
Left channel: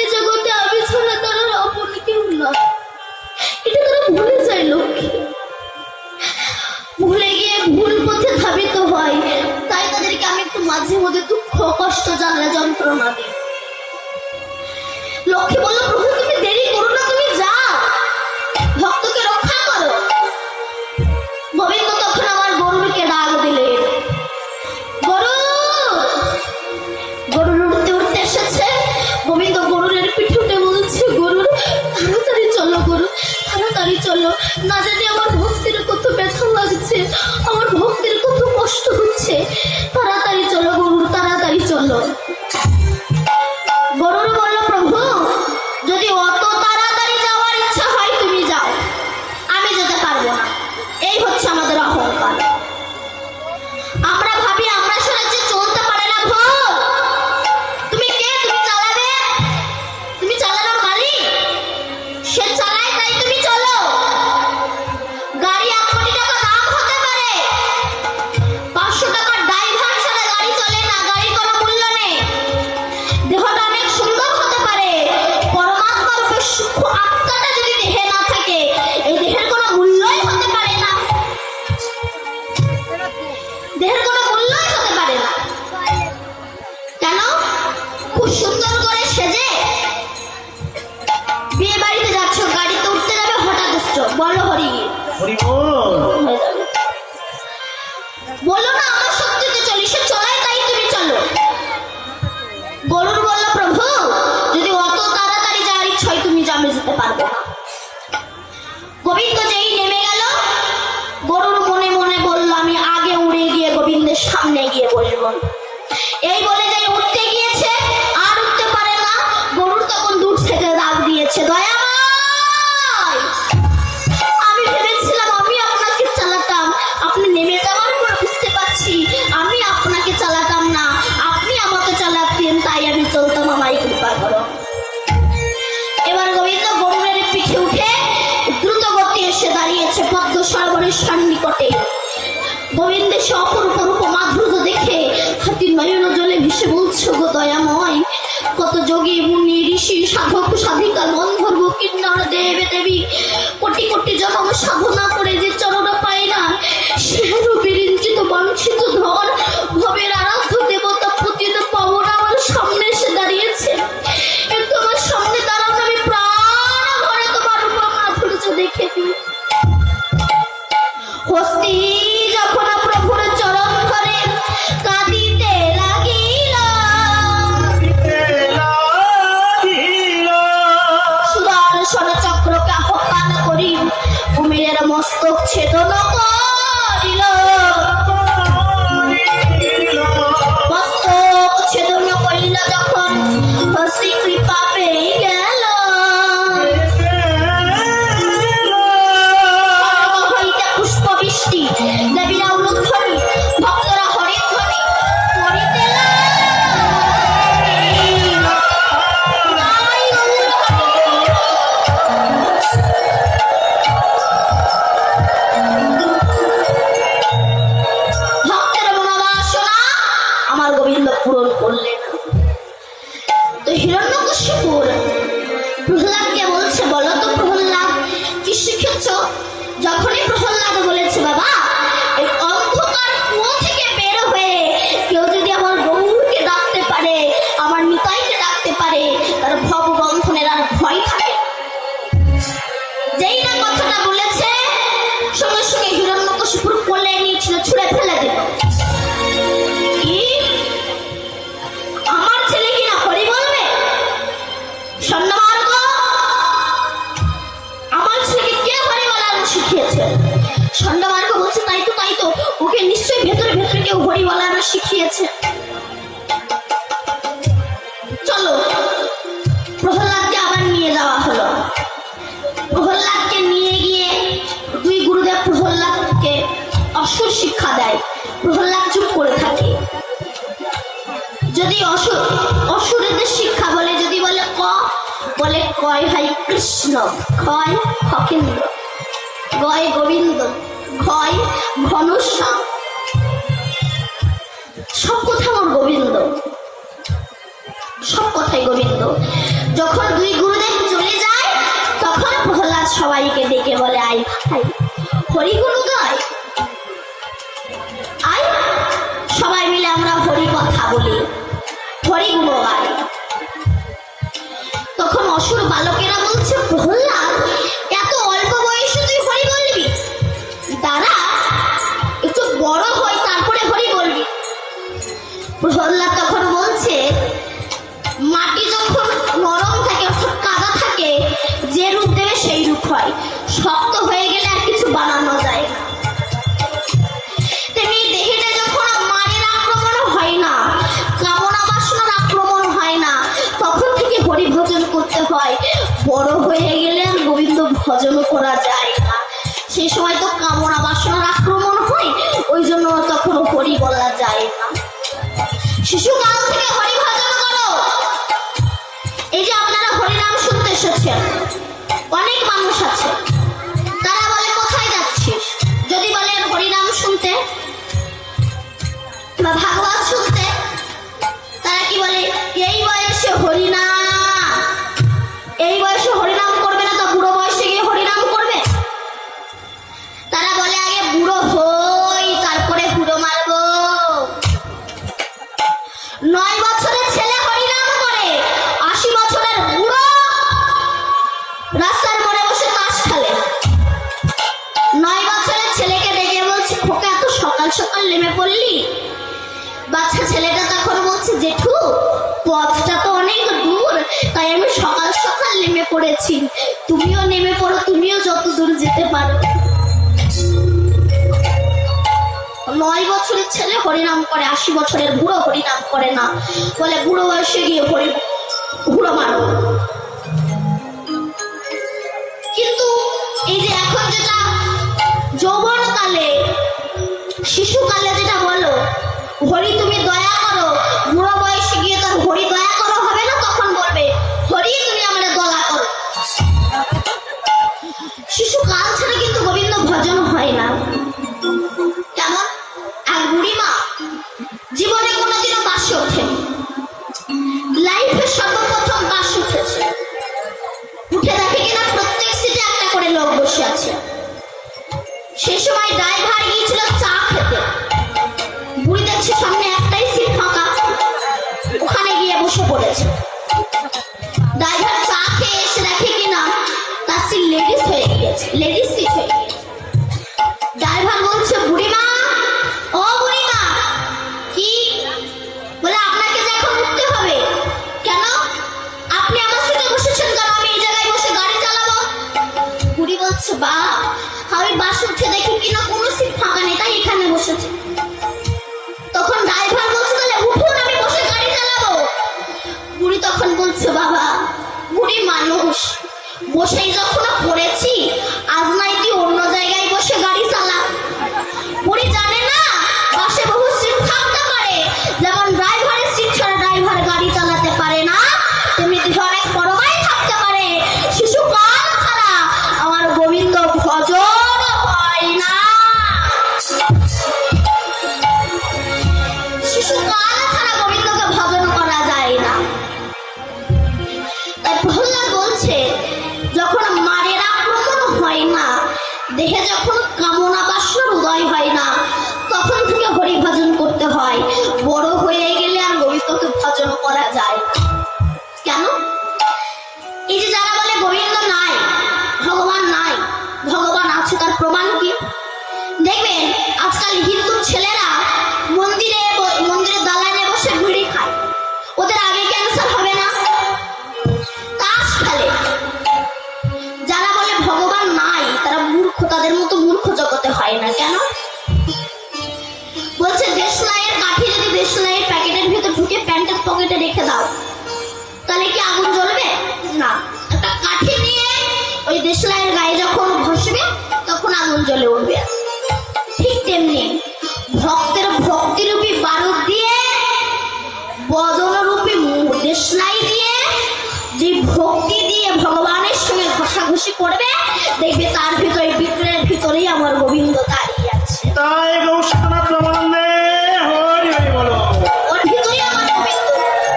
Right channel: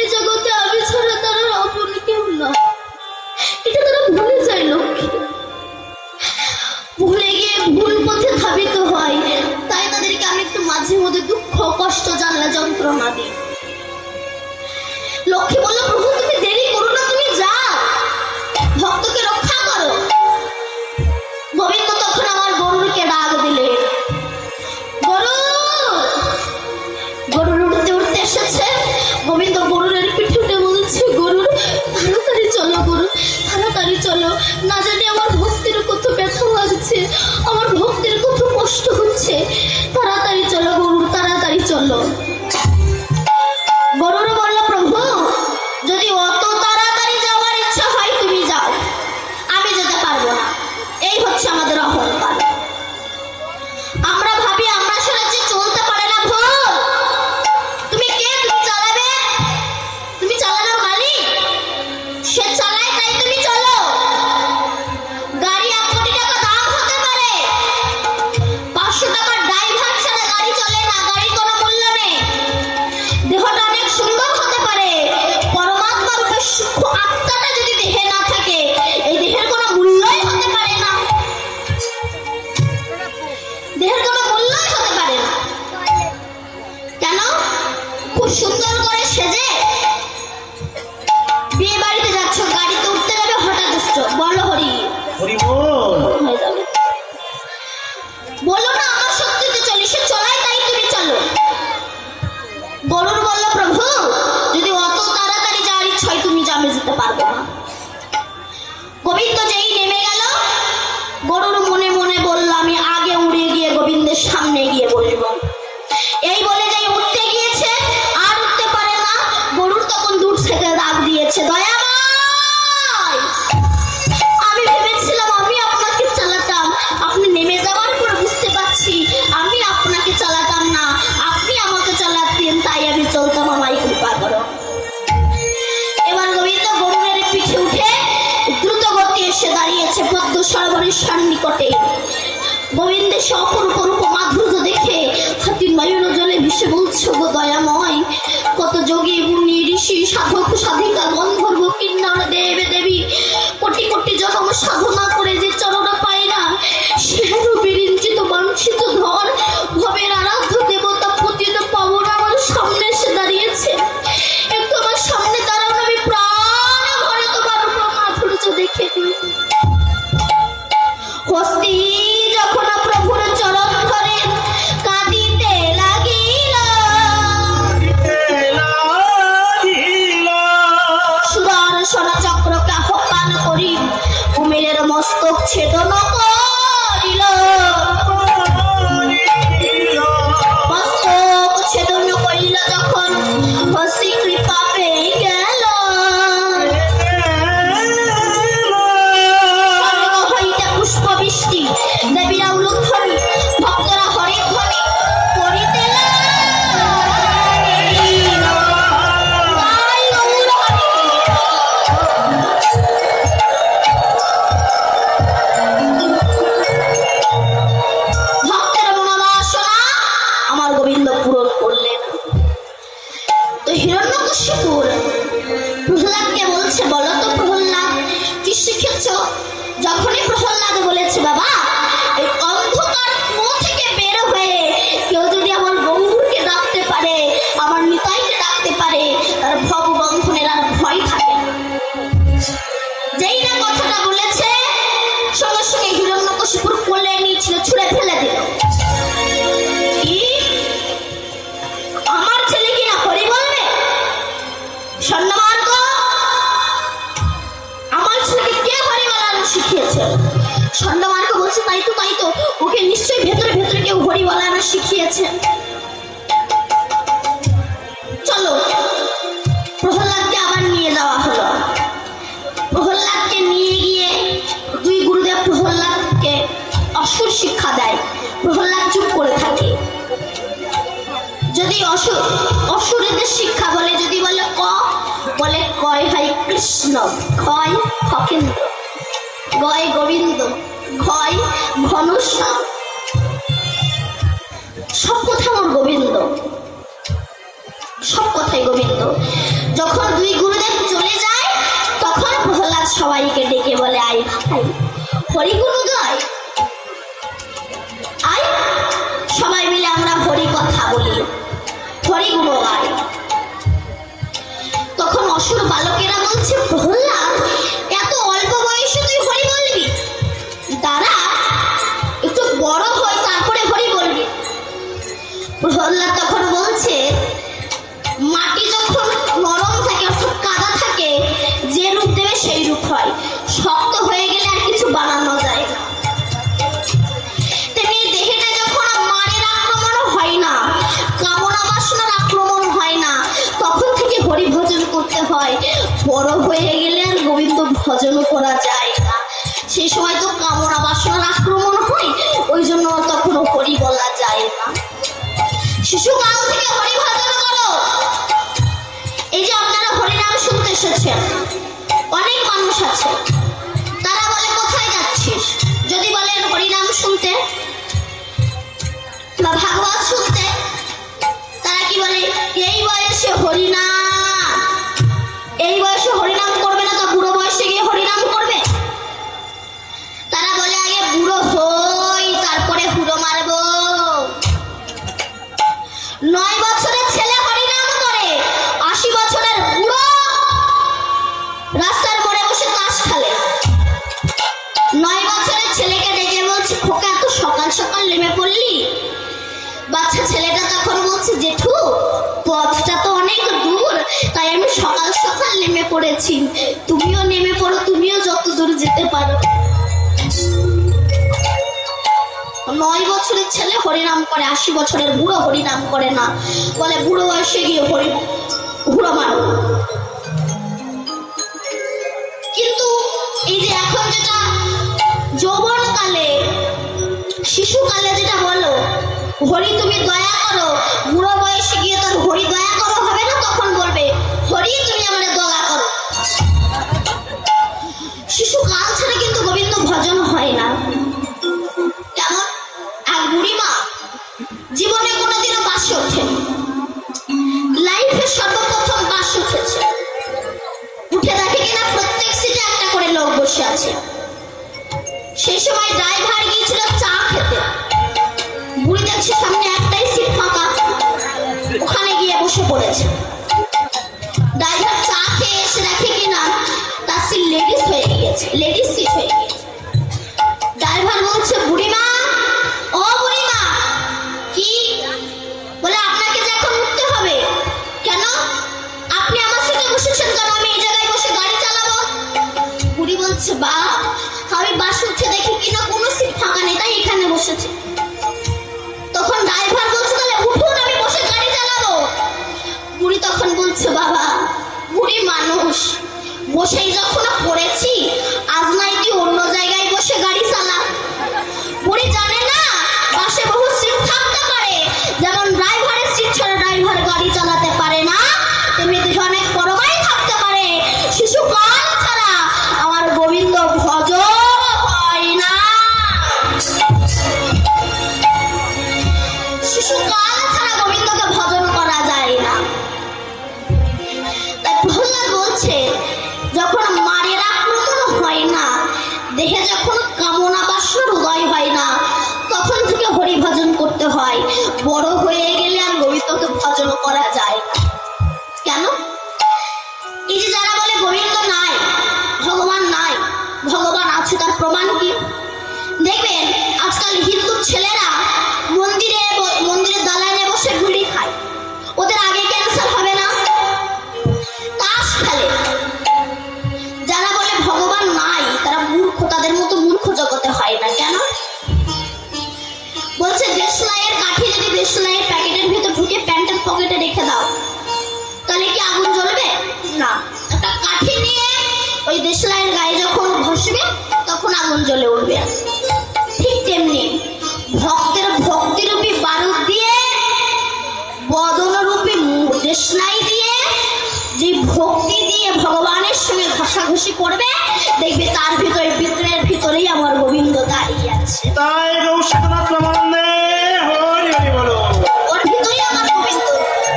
এ জগতে আমি ছাড়া তারা আপন কেউ না। এটা তারা ভুলে যায় লক্ষ্মী। ভুলে গিয়ে ভুল পথে ধাবিত হয়, তাই তাদেরকে আমি একটু মাঝে মধ্যে দুঃখ কষ্ট জ্বালা যন্ত্রণা দিই। লক্ষ্মী বলল, প্রভু তুমি দেরি করো না, তুমি যাও ভক্তকে রক্ষা করো। গোবিন্দ তখন আমার গরুরকে ডাক দিলেন। গরুর উঠতে উঠতে এসেছে। গোবিন্দ গরুরের পিঠে উঠে বলছে, গরুর তাড়াতাড়ি চলো, গরু তাড়াতাড়ি চলো, না জানি আমার ভক্তির কত ব্যথা লাগছে, আমার ভক্তির কত কষ্ট হচ্ছে, তাড়াতাড়ি চলো গরু, তাড়াতাড়ি চলো। গরুর বলল, প্রভু যদি অত তাড়াতাড়ি যাওয়ার ইচ্ছা হয় তুমি যাও, আমি যেতে পারবো না। এই হচ্ছে আমাদের অহংকার। আমরা ভাবি আমরা সারা যে চলতে পারে না। ভুল। তুমি কে? তুমি খুব সুন্দর করে সেজে বিয়ে বাড়িতে যাচ্ছ, গাড়িতে উঠতে যাবে, হঠাৎ এসছো, বলো হরি হরি বল। হয়ে যাবে। বলো না আমার শক্তিতে চলি, সে চলায় তাই তুমি চলো। গরুর বলল প্রভু যদি অত তাড়াতাড়ি যাওয়ার ইচ্ছা হয় তুমি যাবে, যেতে পারবে না। গোবিন্দ যেই নেমে গেল, গরুর মনে মনে বলল আমি আগে উড়ে গিয়ে গোবিন্দের সামনে গিয়ে বসবো। এই বলে যে উঠতে গিয়েছে, আর উঠতে পারে না। গরুর তখন দূর থেকে ডাক দিয়েছে, দয়াময় আমি ভেবেছিলাম আমি আপনাকে চালাতাম, আপনি নেমে যাওয়ার পর বুঝতে পারছি আমি আপনাকে চালাতাম না, আপনি আমাকে চালাতেন, তাই আমি চলতাম, আমায় কৃপা করো। এবার গোবিন্দ গরুরের পিঠে উঠে দ্রুত গতি এসে দাঁড়িয়েছে পদ্ম সরোবরের সন্নিকটে। গোবিন্দের সে অপরূপ রূপ মাধুর্য দেখে হাতির নয়ন জলে ভেসে বলছে, গো দয়াময় কত যোগী মুনি ঋষি সাধক সাধিকা গন্ধর্ব কিন্নর দেব দেবী কোটি কোটি জন্ম সাধনা করে যে চরণ পায় না, সে বিরিঞ্চিত বঞ্চিত ধর ভবের আরাধ্য দেবতা পতিত পাবন আমার সামনে এসে দাঁড়িয়েছে। একটু আমার সামনে দাঁড়ানো, আমি প্রাণ ভরে তোমার মাধুর্য দেখে দিই। হস্তি যখন প্রভুর চরণ ধরে কাঁদিতে লাগিল, সুদর্শন চক্রকে আহ্বান করি কুমিরের মস্তক ছেদন করিল। মস্তক ছেদন করিল যখন হস্তি কৃপা পেয়ে গেল। পুষ্পবৃষ্টি দেবীরা উলুধ্বনি ভক্তরা হরিধ্বনি করিতে ভক্তের মনোবাসনা আমার গোবিন্দ পূরণ করলেন। তো হিরণ্যকশিপুর প্রহ্লাদকে বলছে, বলো তো প্রহ্লাদ কি শিখেছ? যখনই প্রহ্লাদ বলেছে বাবা এই অন্ধকার কুয়ো থেকে বের হয়ে কেউ যদি আমার গৌরকে ডাকতে পারে, আমার নিতাইকে ডাকতে পারে, তার ভববন্ধনের আর ভয় থাকে না। যেই না কথাটা বলেছে সঙ্গে সঙ্গে হিরণ্যকশিপুর কোলে নিয়েছিল, ছুঁড়ে ফেলে দিল। কি আমার ছেলে কিনা হরি বলবে? স্বর্ণমার্গ আমার ছেলেকে কে হরি বলানো শিখিয়েছে? স্বর্ণমার্গ বলছে তাই তো ওকে নিশ্চয়ই ভেতরে ভেতরে কেউ হরি বলানো শিখিয়েছে। চলো প্রহ্লাদকে আবার নিয়ে যাওয়া হলো। প্রহ্লাদকে নিয়ে গিয়ে দুই গুরুদেব প্রহ্লাদকে অসুর শিক্ষা দেয়। প্রহ্লাদ চুপ করে থাকে। যদি অসুরদের শিক্ষা বলে, যদি বলে বলে কয় ভাই কৃষ্ণ, ক্ষয় খকেন্দ্র, গয় গোবিন্দ, ক্ষয় ঘনশ্যাম, সব কথা আমার গোবিন্দ, সব কথাই গোবিন্দ। যখন দুই গুরুদেব চলে যায় তখন প্রহ্লাদ সবাইকে ডেকে বলে, আই ভাই হরি গুরু গায়, আই সবাই মিলে আমরা হরি কথা বলি, হরি গুরু গাই। তখন অসুর বালকেরা বলছে, প্রহ্লাদ এত অল্প বয়সে তুই হরি বলবি? দাঁড়া একটু বড় হয় তারপরে হরি বলবি। প্রহ্লাদ তখন বলছে, মাটি যখন নরম থাকে অর্থাৎ কাদা থাকে, যে রূপ দেবে সেই রূপ হয়, শক্ত হয়ে গেলে আর কিছু বানানো যায় না। তেমনি দেহেটা যখন মায়ের আক্রমণ হয় না, কামনা বাসনার আক্রমণ হয় না, তখন থেকে হরি ভজন করতে হয়। বড় হয়ে গেলে আর গোবিন্দ ভজন করা যায় না, সেই সময় তো কামনা বাসনার আক্রমণ হয়, ওই জন্য তখন হরি বলা যায় না। শিশুকাল থেকে হরি ভজন করো। এই যে আপনারা হরিনাম শুনতে এসেছেন, অনেক মানুষ আছে তারা বলে কোথায় যাচ্ছিস? যদি বলেন হরিনাম শুনতে বা ভাগবত শুনতে, তারা কি বলে এই বয়সে হরিনাম, এই বয়সে হরিনাম করবে না তো বুড়ো বয়সে গিয়ে হরিনাম করবে? তারা বলে আগে বুড়ো হই তারপরে হুড়ো মারবো। 9 বছরের ছেলে হরিনাম করে, তো অনেক দূর, তাই আমি সকাল সকাল নেমে পড়েছি। তুমিও নেমে পড়ো, তুমিও যত দূর যেতে পারো। 9 বছরের ছেলে হরিনাম করে, 80 বছরের বুড়ো হরিনাম করে না, বলে বুড়ো বয়সে গিয়ে বুড়ো মারো। কিন্তু এই যে এখন যেটা যৌবন কালে, শিশুকালে যেটা বলো হরি তুমি দয়া করো, বুড়ো বয়সে গিয়ে তোর হরি দয়া করো হবে না, তখন বলবে হরি তুমি আমাদের দয়া করো। শিশুকাল ছাড়া কিন্তু গোবিন্দ ভজন হয় না। কেমন এক বুড়িমা জীবনে কোনোদিনও বাসে ওঠেনি, লাইফে সর্বপ্রথম বাস উঠেছে। উঠে দেখে কিনা প্রত্যেক সিটে একটা করে লোক বসে আছে। সেই সময় ড্রাইভার গিয়েছিল চা খেতে, বুড়ি দেখছে সামনে একটাই সিট ফাঁকা, ওখানে গিয়ে বসে পড়েছে। ড্রাইভার চা খেয়ে এসে দেখে কিনা তার সিট লেডিস হয়ে গিয়েছে, লেডিস সিট হয়ে গিয়েছে। ড্রাইভার বলছে বুড়িমা, ও বুড়িমা, কি বলে আপনাকে যে এখন উঠতে হবে কেন? আপনি আমার সিটে বসেছেন কেন? আমি এই জায়গায় বসে গাড়ি চালাবো। বুড়ি বলছে বা আমি বাস উঠে দেখি কিনা কোনো সিট ফাঁকা নেই, তাই এখানে বসেছি। তখন ড্রাইভার বলছে তাহলে উঠুন, আমি বসে গাড়ি চালাবো। বুড়ি তখন বলছে বাবা, বুড়ি মানুষ, বসেই যখন পড়েছি, আজ নাই তুই অন্য জায়গায় বসে গাড়ি চালা। বুড়ি জানে না পাশে বহু সিট থাকতে পারে, যেমন ড্রাইভারের সিট ছাড়া ড্রাইভার গাড়ি চালাতে পারে না, তেমনি অনেক বড়বাই থাকতে পারে, শিশুকাল ছাড়া আমার গোবিন্দ ভজন হয় না। শিশুকাল ছাড়া গোবিন্দকে ভজন করা যায় না। তাই প্রহ্লাদ বলছে যখন মায়ের আক্রমণ হয় না, দেহে যখন কামনা বাসনার উদয় হয় না, তখন থেকে হরি ভজন করতে হয়। বড় হয়ে গেলে আর গোবিন্দকে ভজন করা যায় না। কেন? এই যে যারা বলে গোবিন্দ নাই, ভগবান নাই, ভগবান আছে, তার প্রমাণ কি? দেখবেন আজকাল হিন্দু ছেলেরা মন্দিরে দালানে বসে বিড়ি খায়, ওদের আগে ক্যান্সার হবে না? তাস খেলে। যারা বলে ভগবান নাই তারা মূর্খ, তাদের মতো মূর্খ জগতে হয় না। কেন? বলছে দেশলাইয়ের কাঠি যদি দেশলাইয়ের প্যাকেটের ভিতর ঢুকে প্যান্টের পকেটে রেখে দাও, তাহলে কি আগুন জ্বলবে না? একটা কাঠি নিয়ে ওই দেশলাইয়ের গায়ে যখন ঘষবে তখন আগুন জ্বলে উঠবে। ঠিক তেমনি ভক্তের ভক্তিরূপী বারুদ দিয়ে, বদনরূপী দেশলাই দিয়ে, যে ভক্তি দিয়ে ভগবানের সঙ্গে ঘষাঘষি করবে, দেখবে তার ভিতরে বিগ্রহের ভিতরেই আমার গোবিন্দ দাঁড়িয়ে আছে। তাই গৌসীনাথ প্রেমানন্দে হরি হরি বলো। ওর ভিতরেই আমার গোবিন্দ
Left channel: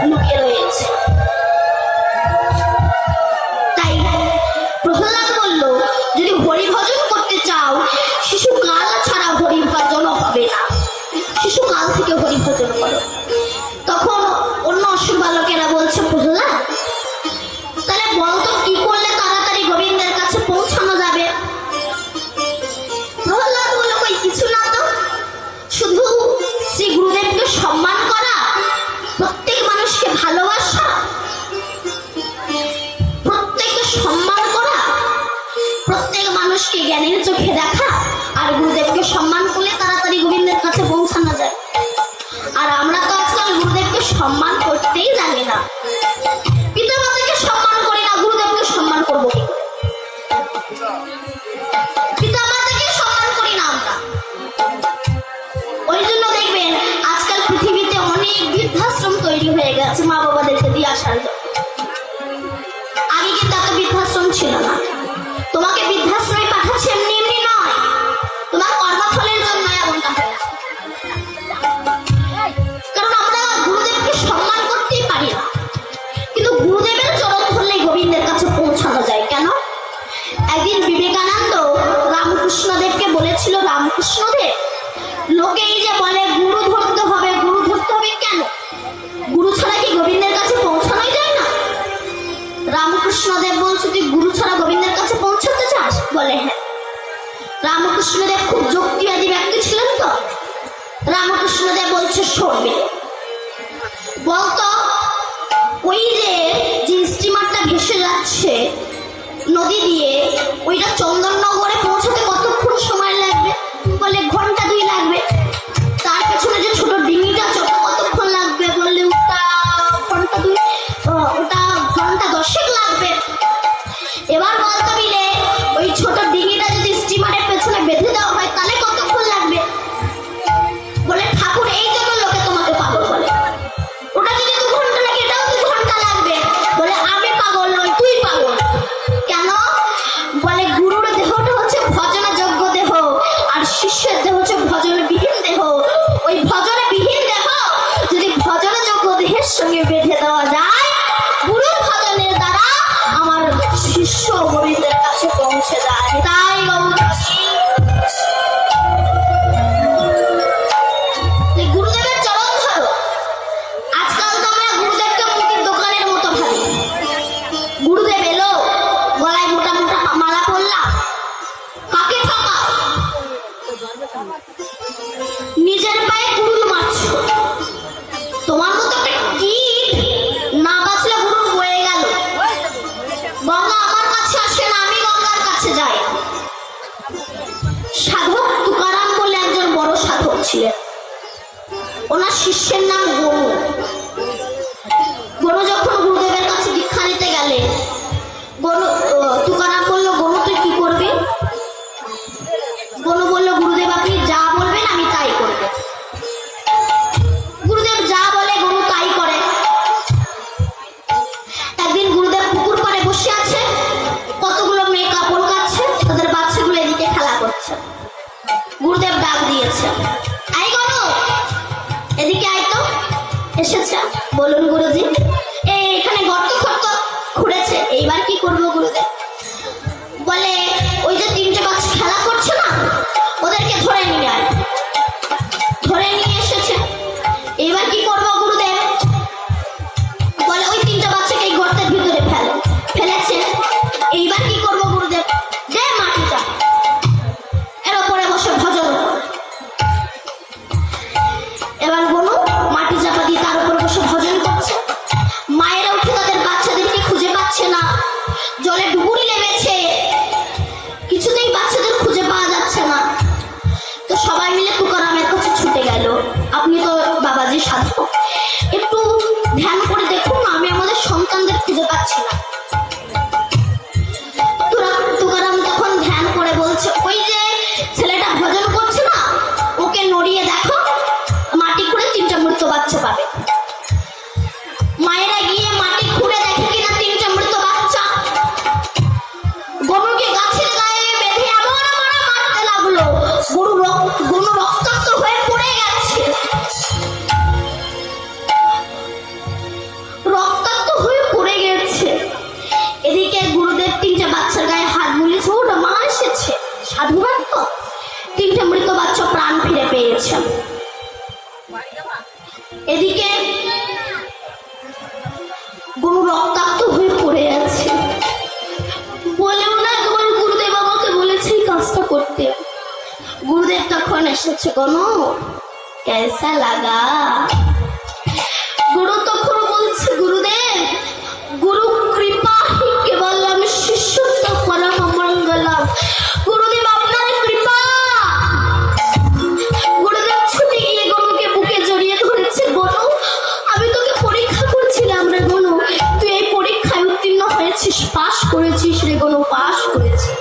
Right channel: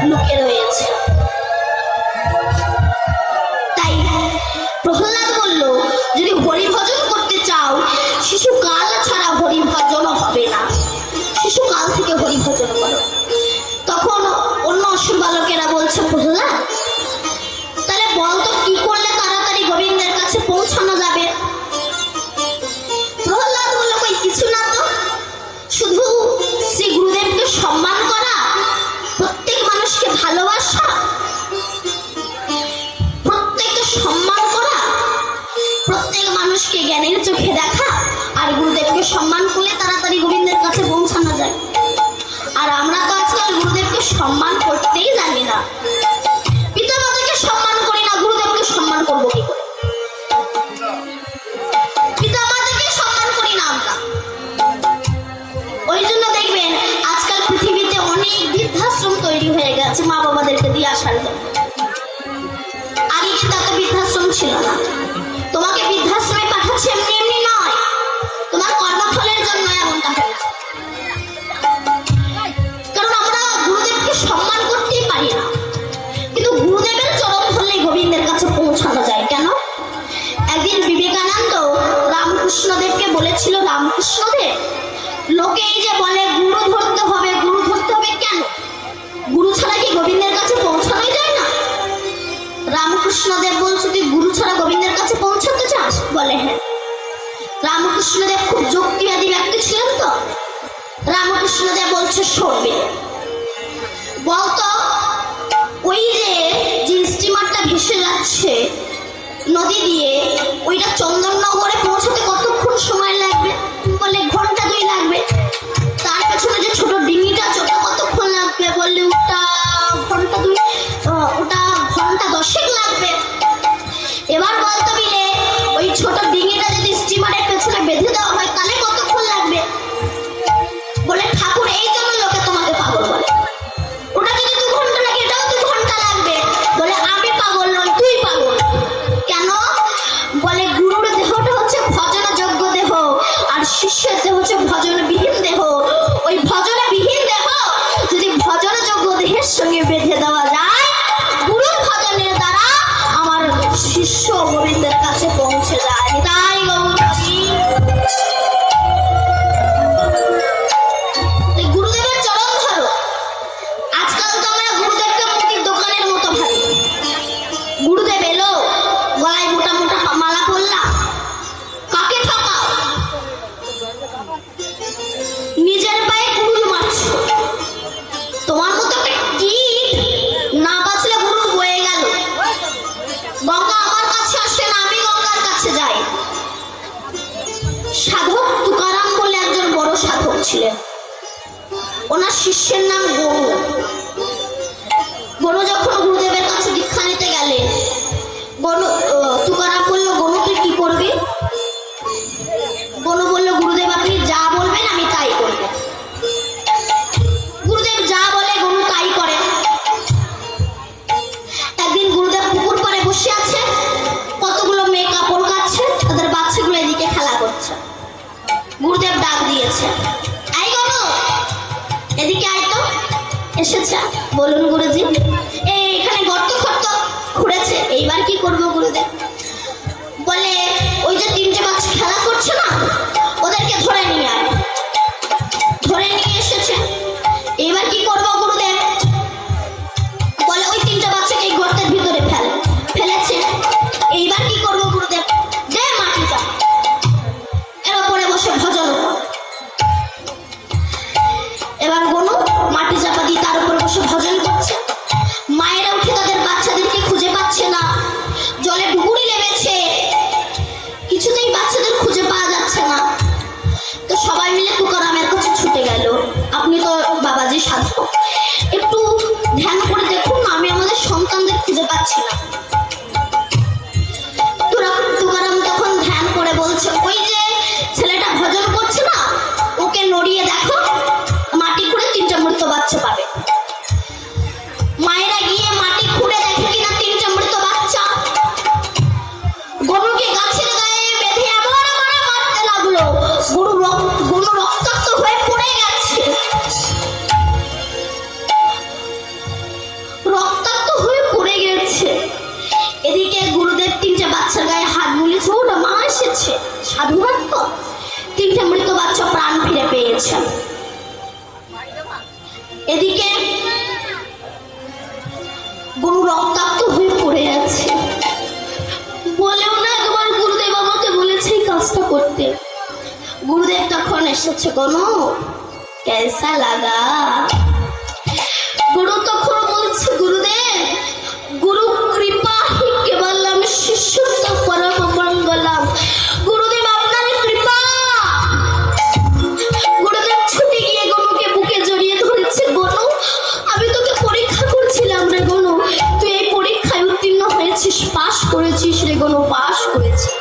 লুকে রয়েছে। তাই প্রহ্লাদ বলল যদি হরি ভজন করতে চাও, শিশুকাল ছাড়া হরি ভজন হবে না, শিশুকাল থেকে হরি ভজন করো। তখন অন্য অসুর বালকেরা বলছে প্রহ্লাদ তাহলে বলতো কি করলে তাড়াতাড়ি গোবিন্দের কাছে পৌঁছানো যাবে? প্রহ্লাদ বলল কই কিছু না তো, শুধু শ্রী গুরুদেবকে সম্মান করা, প্রত্যেক মানুষকে ভালোবাসা, প্রত্যেককে সম্মান করা, প্রত্যেক মানুষকে জ্ঞানের চোখে দেখা, আর গুরুদেবকে সম্মান করলে তাড়াতাড়ি গোবিন্দের কাছে পৌঁছানো যায়। আর আমরা তো আজকাল গুরুদেবকে সম্মান করতেই জানি না, পিতা মাতাকে সম্মান করি না, গুরুদেবকে সম্মান করবো কি করে? পিতা মাতাকে সম্মান করি না আমরা। ওই জন্য দেখবেন আজকাল পৃথিবীতে অনেক বৃদ্ধাশ্রম তৈরি হয়ে গেছে মা বাবাদেরকে দিয়ে আসার জন্য। আগে কিন্তু এত বৃদ্ধাশ্রম ছিল না। তোমাকে বৃদ্ধাশ্রমে পাঠাচ্ছে এমনি এমনি নয়, তোমার কর্মফলের জন্য এমনটা হয়েছে। কারণ আমরা গুরুদেবকে সম্মান করতেই পারি না, কিন্তু গুরুদেবের চরণ ধরলেই গোবিন্দের কাছে পৌঁছানো যায়। কেন? একদিন বিবেকানন্দ রামকৃষ্ণদেবকে বলেছিল, রামকৃষ্ণদেব লোকে এই যে বলে গুরু ধরতে হবে, গুরু ধরতে হবে, কেন? গুরু ছাড়া কি গোবিন্দের কাছে পৌঁছানো যায় না? রামকৃষ্ণদেব বলছে তুই গুরু ছাড়া গোবিন্দের কাছে পৌঁছাতে চাস? বলে হ্যাঁ। রামকৃষ্ণদেব খুব যুক্তিবাদী ব্যক্তি ছিলেন তো। রামকৃষ্ণদেব বলছে শোনবে, বলতো ওই যাচ্ছে নদী দিয়ে, ওইটা চন্দননগরে পৌঁছতে কতক্ষণ সময় লাগবে? বলে ঘন্টা 2 লাগবে। তার পেছনে যে ছোট ডিঙিটা চলতে কতক্ষণ লাগবে? বললে ওটা ঘন্টা 2, ওটা ঘন্টা 10 লাগবে। এবার বলতে মিলে ওই ছোট ডিঙিটা যদি স্টিমারের পেছনে বেঁধে দেওয়া হয় তাহলে কতক্ষণ লাগবে? বলে ঠাকুর এই জন্য লোকে তোমাকে পাগল বলে, ওটা যদি 2 ঘন্টা লাগে এটাও 2 ঘন্টা লাগবে। বলে আমি পাগল নই, তুই পাগল। কেন? বলে গুরুর দেহটা হচ্ছে ভজনযোগ্য দেহ, আর শিষ্যের দেহ হচ্ছে ভজনবিহীন দেহ। ওই ভজনবিহীন দেহ যদি ভজনযোগ্য দেহের সঙ্গে বেঁধে দেওয়া যায়, গুরুর ভজনের দ্বারা আমার শিষ্য মুরিদের কাছে পৌঁছে যায়। তাই গুরুদেবের চরণ ধরো। আজকাল তো আমরা গুরুদেবকে মুদির দোকানের মতো ভাবি। গুরুদেব এলো, গলায় মোটা মোটা মালা পরলাম, কাকে ঠকাও? নিজের পায়ে কুড়ুল মারছে। তোমার মতো একটা কীট না বাঁচলে গুরু বয়ে গেল। গঙ্গা আমার কাছে আসে না, আমি গঙ্গার কাছে যাই। সাধক তুকারাম বলে একজন বড় সাধক ছিলেন, ওনার শিষ্যের নাম গরু। গরু যখন গুরুদেবের কাছে দীক্ষা নিতে গেলেন, গরু তুকারাম বললো, গরু তুই কি করবি? গরু বললো, গুরুদেব আপনি যা বলবেন আমি তাই করব। গুরুদেব যা বলে গরু তাই করে। একদিন গুরুদেব পুকুর পাড়ে বসে আছে, কতগুলো মেয়ে কাপড় কাচ্ছে, তাদের বাচ্চাগুলো এদিকে খেলা করছে। গুরুদেব ডাক দিয়েছে, আই গরু এদিকে আয় তো। এসেছে। বলুন গুরুজি। এখানে গর্ত ফর্ত খুঁড়েছে, এইবার কি করবো গুরুদেব? বলে ওই যে 3টে বাচ্চা খেলা করছে না, ওদেরকে ধরে নিয়ে আয়। ধরে নিয়ে এসেছে। এইবার কি করবো গুরুদেব? বলে ওই 3টে বাচ্চাকে এই গর্তের ভিতরে ফেলেছে। এইবার কি করবো গুরুদেব? দে মাটি চাপ, এর ওপরে বসে ভজন কর। এবার গনু মাটি চাপা দিয়ে তার উপর বসে ভজন করছে। মায়েরা উঠে তাদের বাচ্চাদেরকে খুঁজে পাচ্ছে না, জলে ডুবুরি লেগেছে, কিছুতেই বাচ্চাদের খুঁজে পাওয়া যাচ্ছে না। তো সবাই মিলে তুকারামের কাছে ছুটে গেল, আপনি তো বাবাজি সাধক, একটু ধ্যান করে দেখুন, আমি আমাদের সন্তানদের খুঁজে পাচ্ছি না। তুকারাম তখন ধ্যান করে বলছে, ওই যে ছেলেটা ভজন করছে না, ওকে নড়িয়ে দেখো, মাটি খুঁড়ে 3টে মৃত বাচ্চা পাবে। মায়েরা গিয়ে মাটি খুঁড়ে দেখে কিনা 3টে মৃত বাচ্চা। গরুকে গাছের গায়ে বেঁধে এমন মারতে লাগলো, গরু রক্তাক্ত হয়ে পড়ে গেছে। রক্তাক্ত হয়ে পড়ে গেছে। এদিকে গুরুদেব 3টে বাচ্চার গায়ে হাত বুলিয়েছে, ওটা মা এসেছে, সাধুবাদ তো। 3টে মৃত বাচ্চা প্রাণ ফিরে পেয়েছে। এদিকে গরু রক্তাক্ত হয়ে পড়ে আছে। বলেও না তোমার গুরুদেব আমাকে বলেছে এই কাজটা করতে। গুরুদেব তখন এসেছে, গনু কেসা লাগা? গুরু তখন বলছে, গুরুদেব গুরু কৃপা হি কেবলম শিষ্যত্ব পরম মঙ্গলম। গুরুদেব আপনার কৃপা। গুরুদেব ছুটে গিয়ে গনুকে বুকে জড়িয়ে ধরেছে, গনু আমি তোকে পরীক্ষা করছিলাম রে গনু, তুই এই পরীক্ষায় উত্তীর্ণ হয়েছিস, পাশ করেছিস রে গনু, পাশ করেছিস।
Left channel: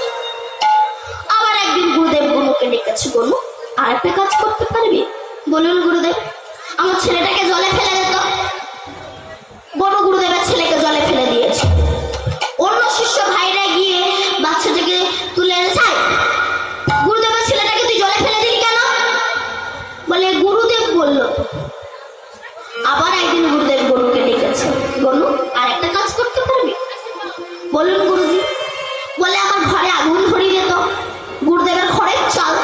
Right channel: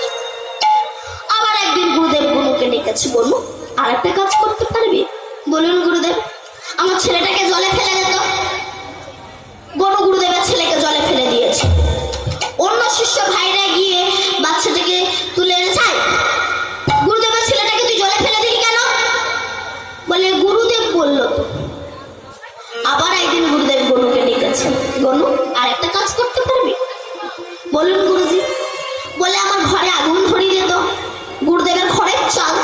আবার একদিন গুরুদেব গনুকে ডেকেছে, গনু আর একটা কাজ করতে পারবি? বলুন গুরুদেব। আমার ছেলেটাকে জলে ফেলে দে তো। গনু গুরুদেবের ছেলেকে জলে ফেলে দিয়েছে। অন্য শিষ্য ভাইরা গিয়ে বাচ্চাটাকে তুলে এনেছে। গুরুদেবের ছেলেটাকে তুই জলে ফেলে দিলি কেন? বলে গুরুদেব বলল। আবার একদিন গুরুদেব গনুকে ডেকেছে, গনু আর একটা কাজ করতে পারবি? বলুন গুরুজি। বলে আমার ঘরে আগুন ধরিয়ে দিত। গুরুদেবের ঘরের চাল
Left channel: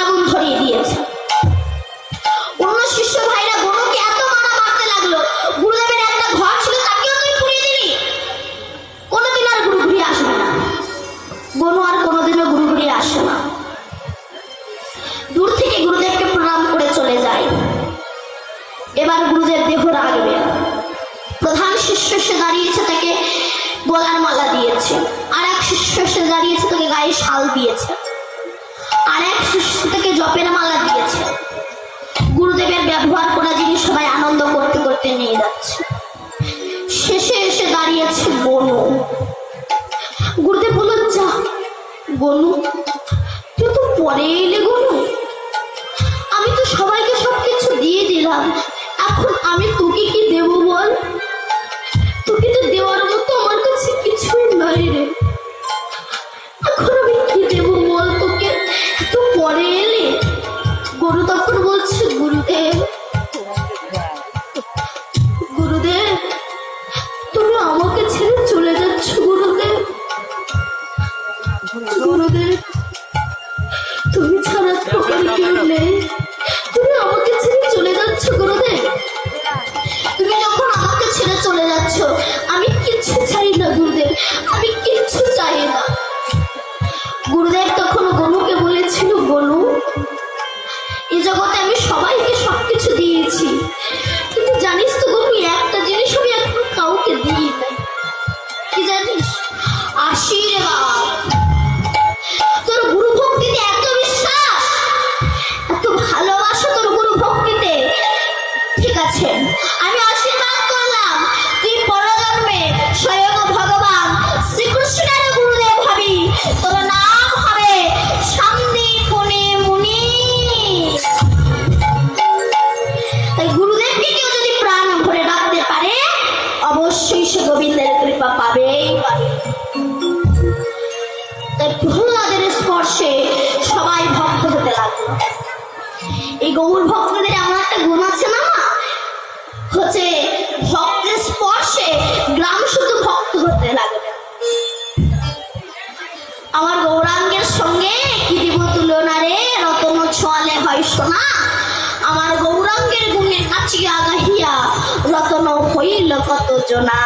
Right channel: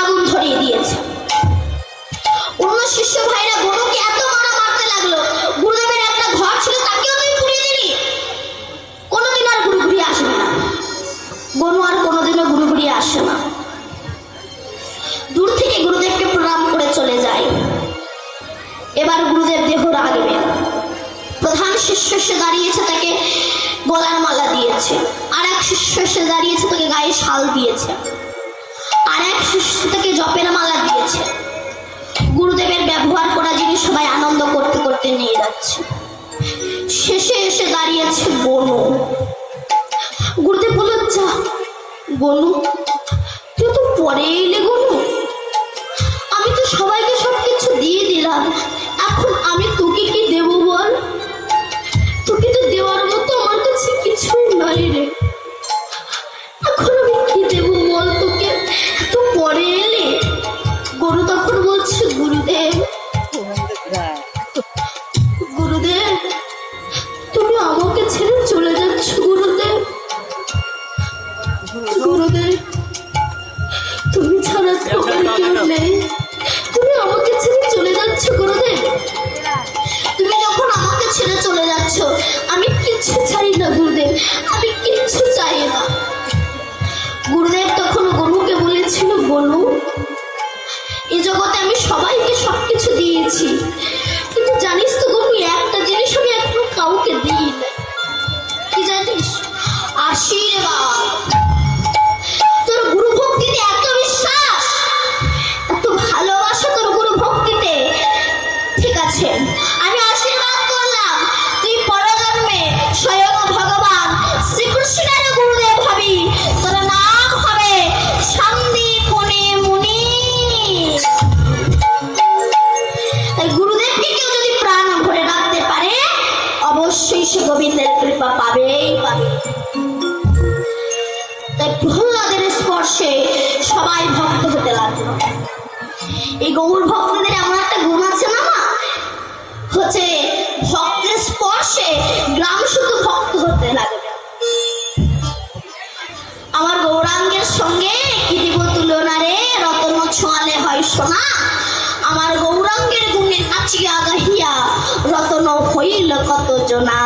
আগুন ধরিয়ে দিয়েছে। অন্য শিষ্য ভাইরা গনুকে এত মারতে লাগলো, গুরুদেবের একটা ঘর ছিল তাকেও তুই পুড়িয়ে দিলি। কোনোদিন আর গুরু ঘুরিয়ে আসবে না। গনু আর কোনোদিনও গুরু ঘুরিয়ে আসে না। দূর থেকে গুরুদেবকে প্রণাম করে চলে যায়। এবার গুরুদেব দেহ রাখবে। প্রধান শিষ্য সে দাঁড়িয়েছে, তাকে গলার মালা দিয়েছে, আর এক শিষ্য এসে দাঁড়িয়েছে তোকে গায়ে শাল দিয়েছে, আর এক শিষ্য থেকে জপের মালা দিয়েছে। গুরুদেবের ব্যবহার করা জিনিস সবাই আনন্দ করতে করতে নিয়ে যাচ্ছে। শেষে এসে দাঁড়িয়েছে গনু। গুরুদেব বললেন, যা গনু, তুই তো পরে এলে গনু, আমি তো সবাইকে সবকিছু দিয়ে দিলাম, এখন আমি তোকে কি দেব বল? তোকে তো দেওয়ার মতো আমার কাছে কিছুই নাই রে, এখন আমি কি দেব বল তোকে, তো পরে এলে। গরু তখন বলছে, গুরুদেব গুরুদেব তুমি আমাকে ছেড়ে চলে যাচ্ছ গুরুদেব, গুরুদেব তুমি ছাড়া তো আমার কেউ নেই, তুমি আমাকে ছেড়ে চলে যাচ্ছ গুরুদেব। তুমি যখন আমাকে ছেড়ে চলে যাচ্ছ আমি কিচ্ছু চাই না গুরুদেব, আমি কিচ্ছু চাই না। গুরুদেব তখন গনুকে বলেছিল, গনু এই জগতে আমি সবাইকে সবকিছু দিয়েছি, কিন্তু জানিস তো গনু, একটা জিনিস আমি এখনো কাউকে দিই না। কি জানিস? আশীর্বাদ। তোর গুরু ভক্তিতে এত বিশ্বাস, এত ভালোবাসা তোর গুরু ভক্তিতে, ঠিক আছে আমি আশীর্বাদ করলাম, তুই পরজন্মে স্বয়ং ভগবান শ্রীকৃষ্ণের গুরুদেব হবি, তোর নাম হবে সন্দীপনী মুনি। তাই গুরুদেবকে কেউ যদি প্রাণ ভরে ডাকতে পারে অবশ্যই সে গোবিন্দের কৃপা পাবেই পাবে। তাই প্রহ্লাদের স্পর্শে সবাই ভক্ত হতে লাগলো। এই গৌর ভক্তদের এমন একটা গুণ আছে না, হচ্ছে ভক্তের স্পর্শে গ্রাম শুধু ভক্ত হতে লাগবে। আমার গৌরাঙ্গের সঙ্গে কি দিব তুলনা রে, রতন ছোয়ালে হয় সোনা, আমার গৌরাঙ্গের গুণে নাচিয়া গাহিয়া রতন হইল কত জনা।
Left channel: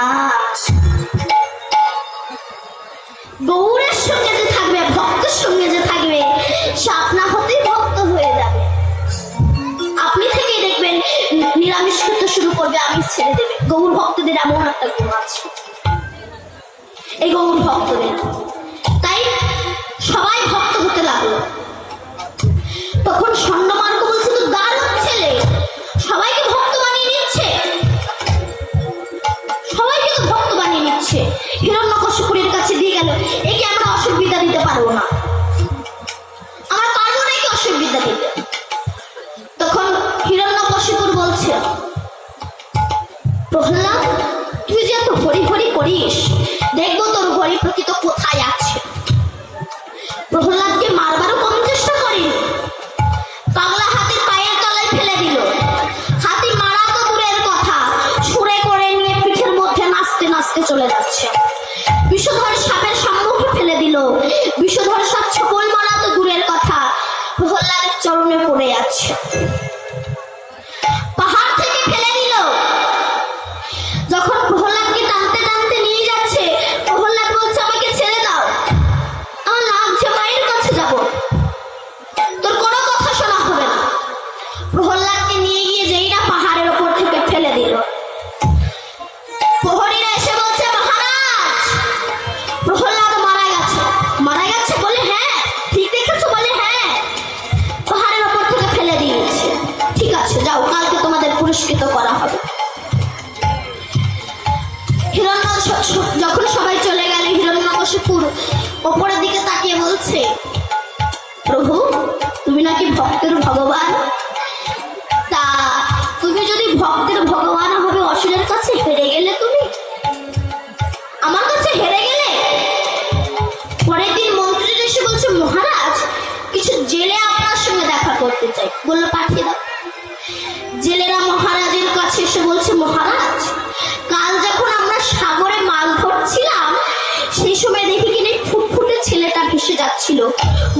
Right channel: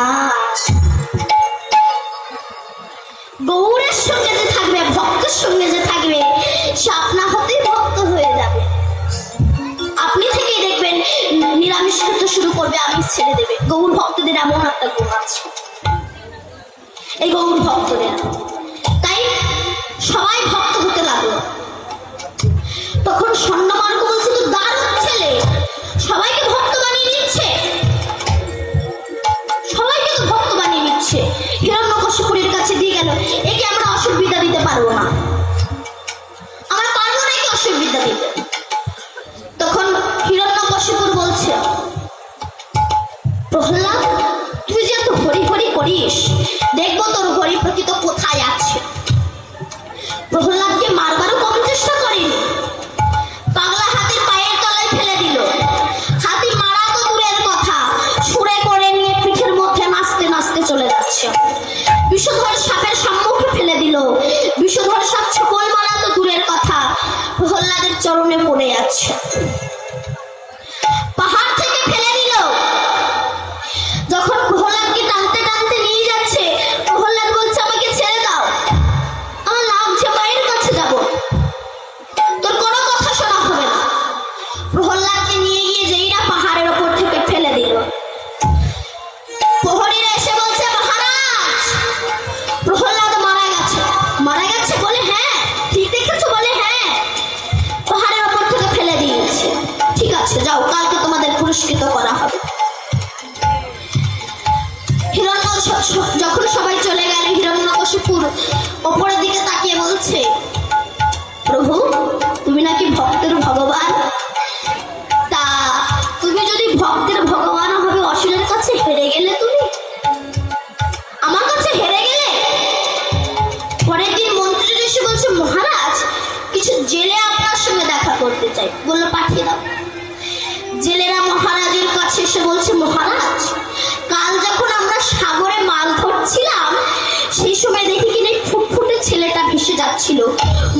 গৌরের সঙ্গে যে থাকবে, ভক্তের সঙ্গে যে থাকবে, সে আপনা হতেই ভক্ত হয়ে যাবে। আপনি থেকেই দেখবেন নিরামিষ খেতে শুরু করবে, আমিষ ছেড়ে দেবে। গৌর ভক্তদের এমন একটা গুণ আছে, এই গৌর ভক্তদের। তাই সবাই ভক্ত হতে লাগলো। তখন স্বর্ণমার্গ বলছে, তো দারুণ ছেলে, সবাইকে ভক্ত বানিয়ে নিচ্ছে, সবাইকে তো ভক্ত বানিয়ে নিচ্ছে। হিরণ্যকশিপুরের কাছে দিয়ে গেল, একে আমরা অসুবিধা দিতে পারবো না, আমরা পারবো না একে অসুবিধা দিতে। তখন হিরণ্যকশিপুর বলছে, প্রহ্লাদ তুই যে এত হরি হরি করিস, দেখবো তোর হরি প্রকৃত কোথায় আছে। প্রহ্লাদকে মারবারও কম চেষ্টা করেনি, পাগলা হাতির পায়ের তলায় ফেলে দিল। হাতি মারা তো দূরের কথা, সুরে করে নিয়ে পিঠের মধ্যে নাচতে নাচতে চলে যাচ্ছে। বিষধর সাপের সম্মুখে ফেলে দিল, বিষধর সাপ ছপল মারা তো দূরের কথা, প্রহ্লাদের চরণে পড়ে যাচ্ছে। পাহাড় থেকে ফেলে দিল। যখন প্রহ্লাদকে টানতে টানতে নিয়ে যাচ্ছে, প্রহ্লাদ বলছে, আমাকে ছেড়ে দাও, আমার লাগছে, মায়ের কাছে যাব, তোর কোনো কথা শোনা হবে না। প্রহ্লাদকে নিয়ে গিয়ে যেইরা পাহাড়ের ওপর থেকে ফেলে দিল, প্রহরীরা এসে বলছে, মহারাজ প্রহ্লাদ মারা গেছে। মারা গেছে বলে, হ্যাঁ ঠিক দেখেছো বলে, হ্যাঁ পাহাড়ের ওপর থেকে ফেলে দিয়েছে। ঠিক আছে যাও, কালকে তোমাদের পুরস্কৃত করা হবে। যখন সবাই চলে গেলে হিরণ্যকশিপুর ওপরের দিকে তাকিয়ে বলছে, প্রভু তুমি নাকি ভক্তের ভগবান, তা তুমি যদি ভক্তের ভগবান হবে অসুরের কাছে হেরে গেলে, তুমি আমার কাছে হেরে গেলে। পরের দিন মন্ত্রী এসে বলছে, মহারাজ কিছু জেলে আপনার সঙ্গে দেখা করতে চাই। বললো পাঠিয়ে দাও। জেলেরা মহারাজের কাছে এসে বলছে, মহারাজ কাল যখন আমরা সাগরে মাছ ধরছিলাম, সেই সময় দেখি কিনা ফুটফুটে ছেলেটা ভেসে যাচ্ছিল,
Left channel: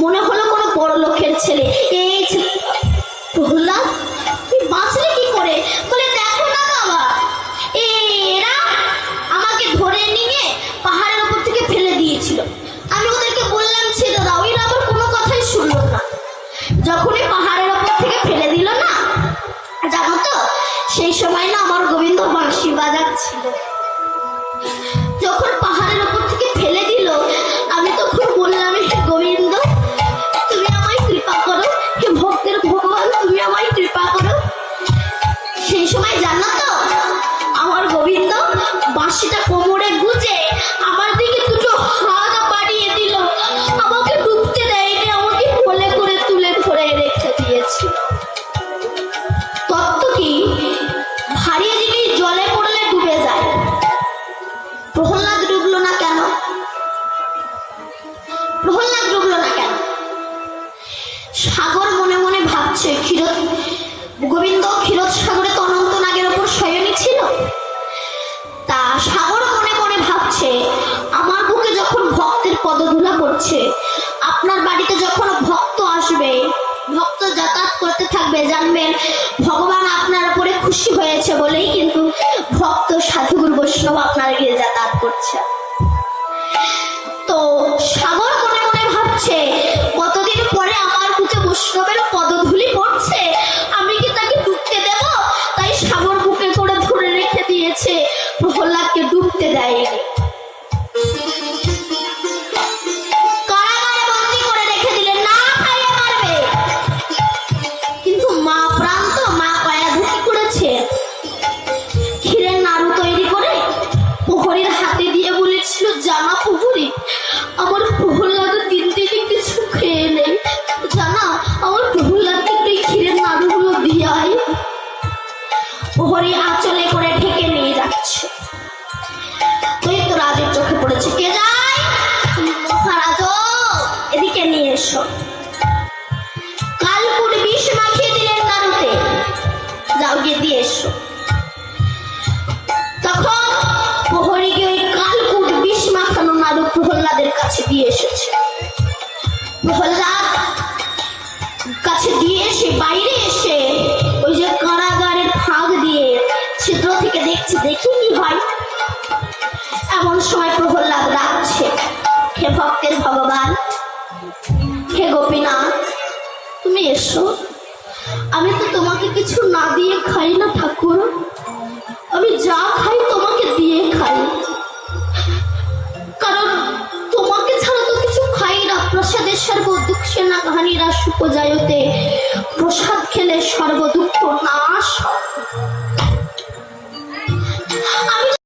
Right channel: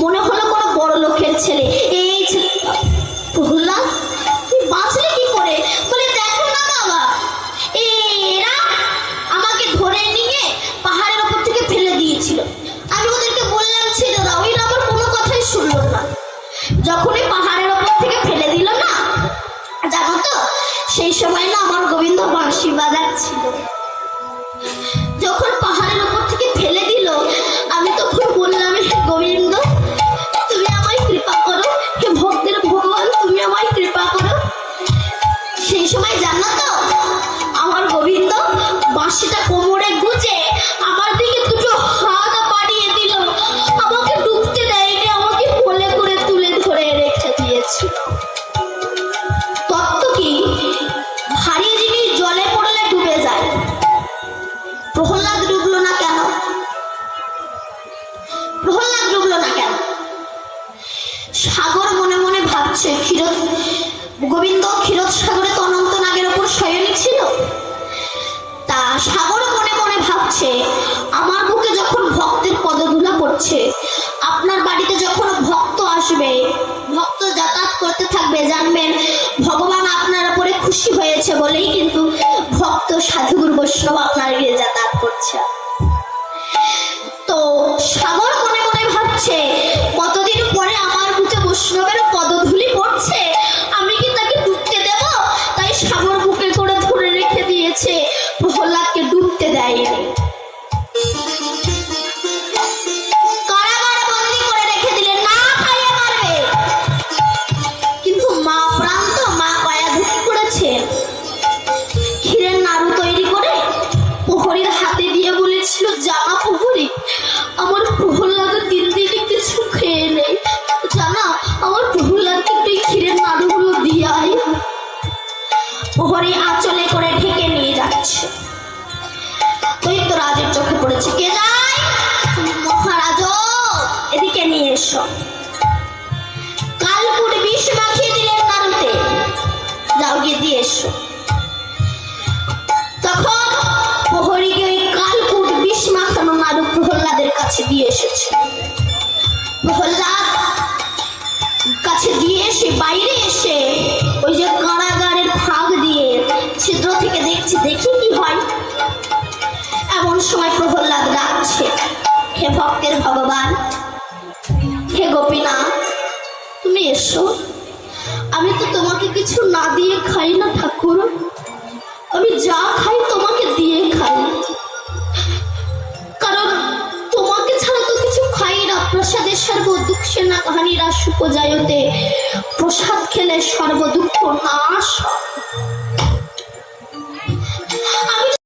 মনে হলো কোনো বড় লোকের ছেলে। এই প্রহ্লাদ তুই বাঁচলে কি করে? বলে, দেখো না বাবা, এরা আমাকে ধরে নিয়ে পাহাড়ের উপর থেকে ফেলে দিয়েছিল, আমি ওদেরকে বললাম ছেড়ে দাও, এরা আবার কোনো কথাই শুনলো না। যখনই পাহাড়ের উপর থেকে ফেলে দিল না, জানো তো সেই সময় না আমার গোবিন্দ বাঁশি বাজাচ্ছিল। যখন পাহাড়ের কোমরে গুজে আমার দিকে দুটো হাত বাড়িয়ে দিল, আমাকে ডুবতে দেয়নি, আমাকে কোলে করে তুলে ধরে রেখে দিয়েছে। তত্ত্ব কি, ভারী জিনিস জলে পড়লে ডুবে যায়, প্রহ্লাদ ডুবলো না কেন? প্রহ্লাদ ডুবলো না কেন? সাগর মনে মনে ভাবছে, গোবিন্দ ক্ষীরোদ সাগরে তো অনন্ত নাগের ওপর শয়নী ছিল। তা সাগর মনে মনে ভাবছে, আমার বুকে যখন ভক্তের পদধূলা পড়ছে, আপনার বাড়িতে যখন ভক্ত আসবে, ভক্ত যাতায়াত করতে থাকবে, জানবেন ভগবান আপনার উপরে খুশি হয়েছে বলেই কিন্তু ভক্ত সাধুগুরু বৈষ্ণব আপনার গিয়ে যাতায়াত করছে। তো সাগর মনে মনে ভাবছে, কতদিন পরে আমার বুকে বৈষ্ণবের পদধূলি পড়ছে, আমি কি তাকে ডুবতে দেব? তাই সাগর বুকে করে ধরে রেখে দিয়েছে, প্রহ্লাদকে ডুবতে দেয়নি। কারাগারে বন্দী করে রেখে দিলেন, না খাইয়ে মারবে। কিন্তু মা প্রাণ তো, মা পায়াধুকি করেছে, ক্ষীরের নাড়ু তৈরি করে প্রহরীর হাতে দিয়ে বলেছিল, জানা প্রহরী, আমার প্রহ্লাদের দিন দিনে কিছু খেয়ে নেই, জানা আমার প্রহ্লাদকে একটু এই ক্ষীরের নাড়ুগুলো দিয়ে আয়। প্রহরী আঁচলে করে ঢেকে নিয়ে যাচ্ছে। দৈত্যরাজের চোখে পড়েছে, কে যায়? মহারাজ, এদিকে নিয়ে এসো। কালকুট বিষ মাখিয়ে দিলেন নাড়ুতে, যাও গিয়ে দিয়ে এসো। তখন প্রহরীকে ওই কালকুট বিষ মাখানো নাড়ু প্রহ্লাদের কাছে দিয়ে এসেছে। প্রহ্লাদ কাছে দিয়ে এসে বাইরে এসে ওই যে কারাগারের ফাঁক দিয়ে ছিদ্র থেকে দেখছে, দেখি কি হয়। এমন সময় প্রহ্লাদ ডাকছে, হে ভক্তের ভগবান, হে গোপীনাথ, তুমি এসো। আমি তো তোমাকে কিছু না দিয়ে খাই না ঠাকুর, আমি যা খাই তোমাকে দিয়ে খাই, কারণ তোমাকে ছাড়া তো কিছু খাই না। প্রসাদের সর্বদুঃখে না হানিরা সুপজায়তে, প্রসাদ খেলে সর্বদুঃখ নাশ।